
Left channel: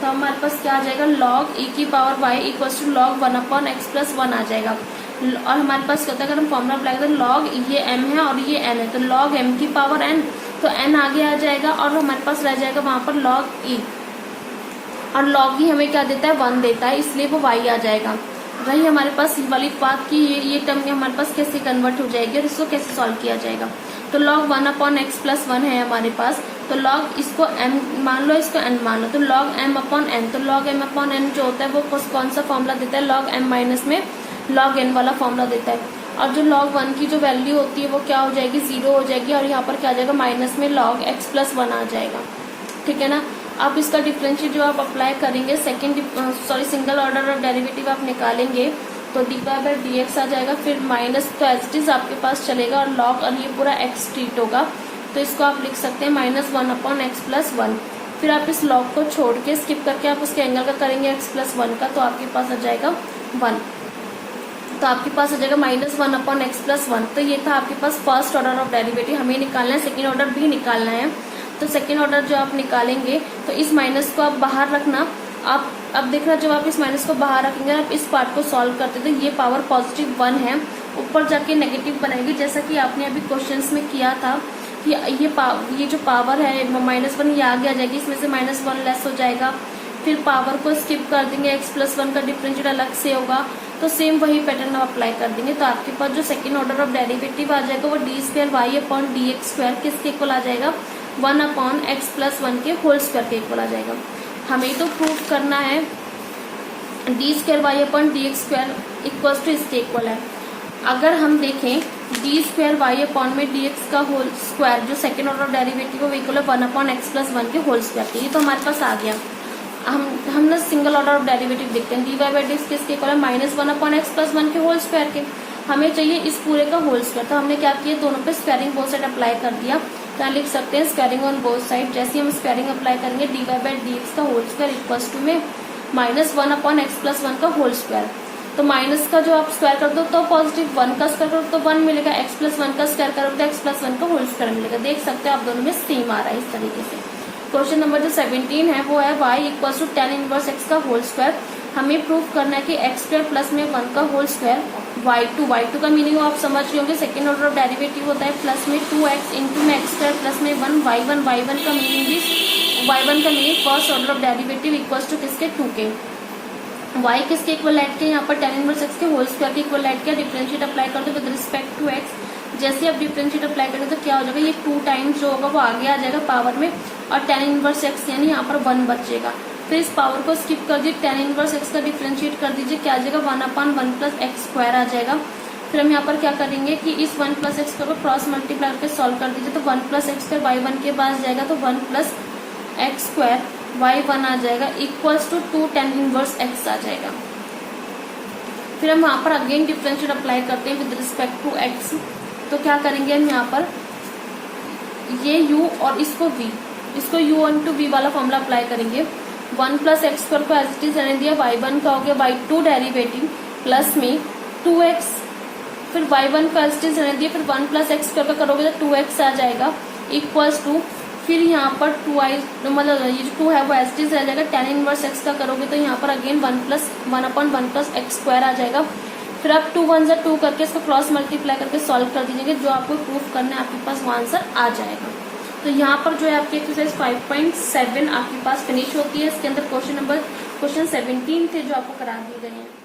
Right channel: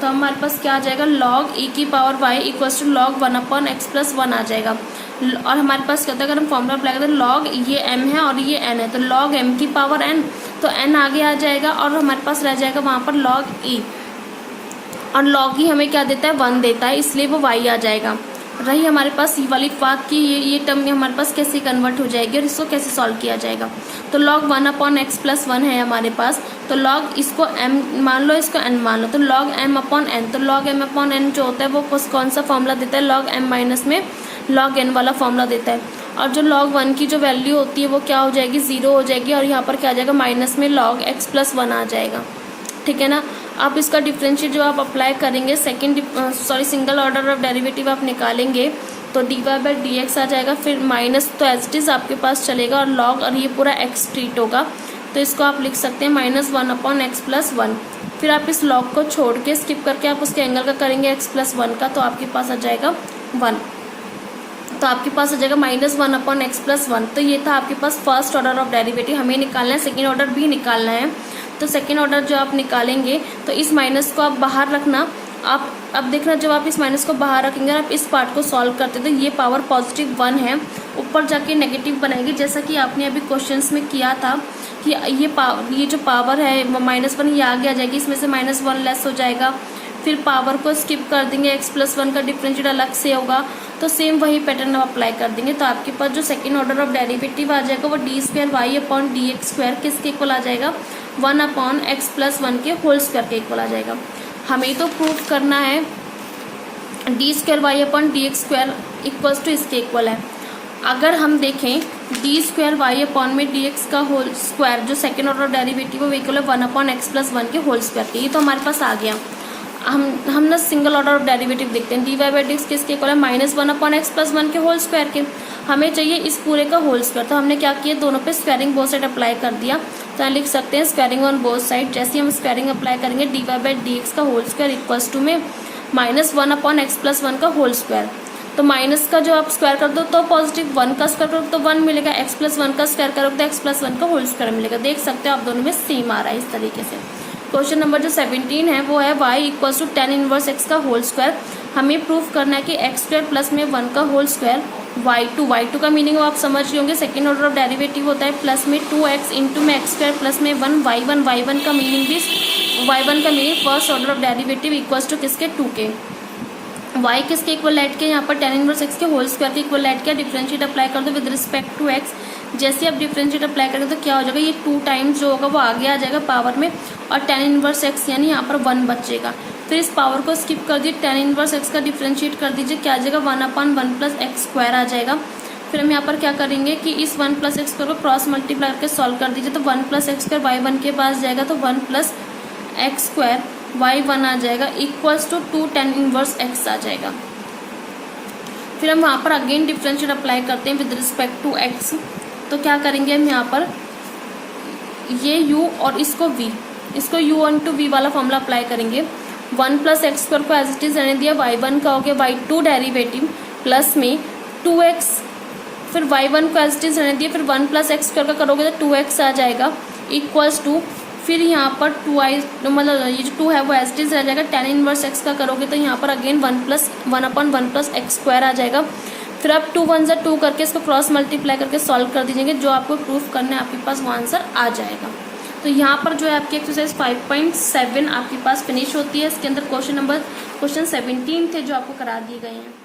तो हमारे पास क्या आ जाएगा, log e की power y = log 1/x plus 1 आ जाएगा। और हमारे पास कहता है अगर हम फॉर्मूला अप्लाई करें log ये m है और ये n है, तो log m की पावर n, तो n आगे आ जाएगा और हमारे पास रह जाएगा वहां पर log e, और log e हमें क्या देता है 1 देता है, इसलिए वो y आ जाएगा। रही हमारे पास ये वाली बात की ये टर्म में हमारे पास कैसे कन्वर्ट हो जाएगी और इसको कैसे सॉल्व किया जाएगा। तो log 1/x प्लस 1 है हमारे पास, तो log इसको m मान लो, इसको n मान लो, तो log m/n, तो log m/n जो होता है वो कौन सा फॉर्मूला देता है, log m माइनस में log n वाला फॉर्मूला देता है। और जो log 1 की जो वैल्यू होती है वो क्या हो जाएगी, 0 हो जाएगी, और यहाँ पर क्या आ जाएगा माइनस में log x प्लस 1 आ जाएगा, ठीक है ना। अब इसका डिफरेंशिएट जो आप अप्लाई करेंगे सिंगल ऑर्डर ऑफ डेरिवेटिव आप निकालेंगे तो dy/dx आ जाएगा, फिर माइनस तो एज इट इज आपके पास चलेगा और log और ये पूरा x ट्रीट होगा। तो इसको आप लिख सकते हैं -1/x प्लस 1। फिर आप इस log को छोड़ के स्किप करके आप उसके एंगल का करेंगे x प्लस 1 का, तो आपके पास आ जाएगा 1। तो आपके पास आ जाएगा -1/x प्लस 1। तो ये था आपके पास फर्स्ट ऑर्डर ऑफ डेरिवेटिव। हमें निकालना है, सेकेंड ऑर्डर भी निकालना है। तो सेकेंड ऑर्डर जो आप निकालेंगे तो इस माइनस को आप बाहर रखना। आप अब देखना जब आप इस माइनस को बाहर रखेंगे आप इस पार्ट को सॉल्व करते तो ये पावर +1 है, ऊपर जाके नेगेटिव बनाएगी, जैसा कि आपने अभी क्वेश्चंस में किया था कि ये जो पावर है -1 ये आगे आ जाएगी, इसमें से -1 लेस हो जाएगा, फिर पावर को स्किप कर देंगे, x प्लस 1 का डिफरेंशिएट अलग से होगा। तो सेम वही पैटर्न अप्लाई कर देंगे। तो आपके पास जो सेकेंड ऑर्डर ऑफ डेरिवेटिव आ जाएगा वो d2y/dx2 किसके इक्वल आ जाएगा, 1/x प्लस 1 के होल स्क्वायर के इक्वल आ जाएगा। हमें तो प्रूफ करना है d2y/dx2 इक्वल टू इसके इक्वल है। अगर हम देखें d2y/dx का होल स्क्वायर जो सेकेंड ऑर्डर डेरिवेटिव वो इक्वल है 1/x प्लस 1 के होल स्क्वायर के। ये तो हमारे पास आ गया। हम ना सिंगल ऑर्डर ऑफ डेरिवेटिव देखते हैं, dy/dx किसके इक्वल है, -1/x प्लस 1 के होल स्क्वायर के। हमें चाहिए इस पूरे का होल स्क्वायर। तो हमने क्या किया, दोनों पे स्क्वायरिंग बोथ साइड अप्लाई कर दिया। तो लिख सकते हैं स्क्वायरिंग ऑन बोथ साइड। जैसे हम स्क्वायरिंग अप्लाई करेंगे dy/dx का होल स्क्वायर इक्वल्स टू में -1/x प्लस 1 का होल स्क्वायर। तो माइनस का जो आप स्क्वायर कर दो तो पॉजिटिव, 1 का स्क्वायर करो तो 1 मिलेगा, x प्लस 1 का स्क्वायर करो तो x प्लस 1 का होल स्क्वायर मिलेगा। देख सकते हो आप दोनों में सेम आ रहा है इस तरीके से। क्वेश्चन नंबर जो 17 है वो है y = tan इनवर्स x का होल स्क्वायर। हमें प्रूफ करना है कि x² प्लस में 1 का होल स्क्वायर y2 का मीनिंग आप समझ रहे होंगे, सेकेंड ऑर्डर ऑफ डेरिवेटिव होता है प्लस में 2x इंटू में x² प्लस में 1 y1 का मीनिंग भी y1 का meaning first order of derivative equals to किसके 2 के। y किसके इक्वल ऐड किया, यहाँ पर tan इनवर्स x के होल स्क्वायर के इक्वल ऐड किया। डिफरेंशिएट अप्लाई कर दो विद रिस्पेक्ट टू x। जैसे आप डिफरेंशिएट अप्लाई करेंगे तो क्या हो जाएगा, ये 2 टाइम्स जो होगा वो आगे आ जाएगा पावर में और tan इनवर्स x यानी यहाँ पर 1 बचेगा। फिर इस पावर को स्किप कर दीजिए, tan इनवर्स x का डिफ्रेंशिएट कर दीजिए, क्या आ जाएगा 1/1 प्लस एक्स स्क्वायर आ जाएगा। फिर हम यहाँ पर क्या करेंगे कि इस 1 प्लस एक्स स्क्वायर को क्रॉस मल्टीप्लाई करके सॉल्व कर दीजिए, तो 1 प्लस एक्स स्क्वायर y1 के पास जाएगा, तो 1 प्लस एक्स स्क्वायर y1 आ जाएगा equals to 2 tan inverse x आ जाएगा। फिर हम वहां पर अगेन डिफरेंशिएट अप्लाई करते हैं विद रिस्पेक्ट टू x, तो क्या करेंगे हम यहाँ पर ये u और इसको v, इसको u ऑन टू v वाला फॉर्मूला अप्लाई करेंगे। 1 प्लस एक्स स्क्वायर को एज इट इज रहने दिया, y1 का हो गया y2 डेरिवेटिव प्लस में 2x, फिर y1 का एज इट इज रहने दिया, फिर 1 प्लस एक्स स्क्वायर का करोगे तो 2x आ जाएगा इक्वल्स टू, फिर यहाँ पर 2i मतलब ये जो 2 है वो एज इट इज रह जाएगा, tan इनवर्स x का करोगे तो यहाँ पर अगेन 1/1 प्लस एक्स स्क्वायर आ जाएगा। फिर आप 2 1 2 करके इसको क्रॉस मल्टीप्लाई करके सॉल्व कर दीजिएंगे, जो आपको प्रूफ करना है आपके पास वो आंसर आ जाएगा। तो यहाँ पर जो है आपकी एक्सरसाइज 5.7 आपके पास फिनिश होती है। इसके अंदर क्वेश्चन 17 थे जो आपको करा दिए गए हैं।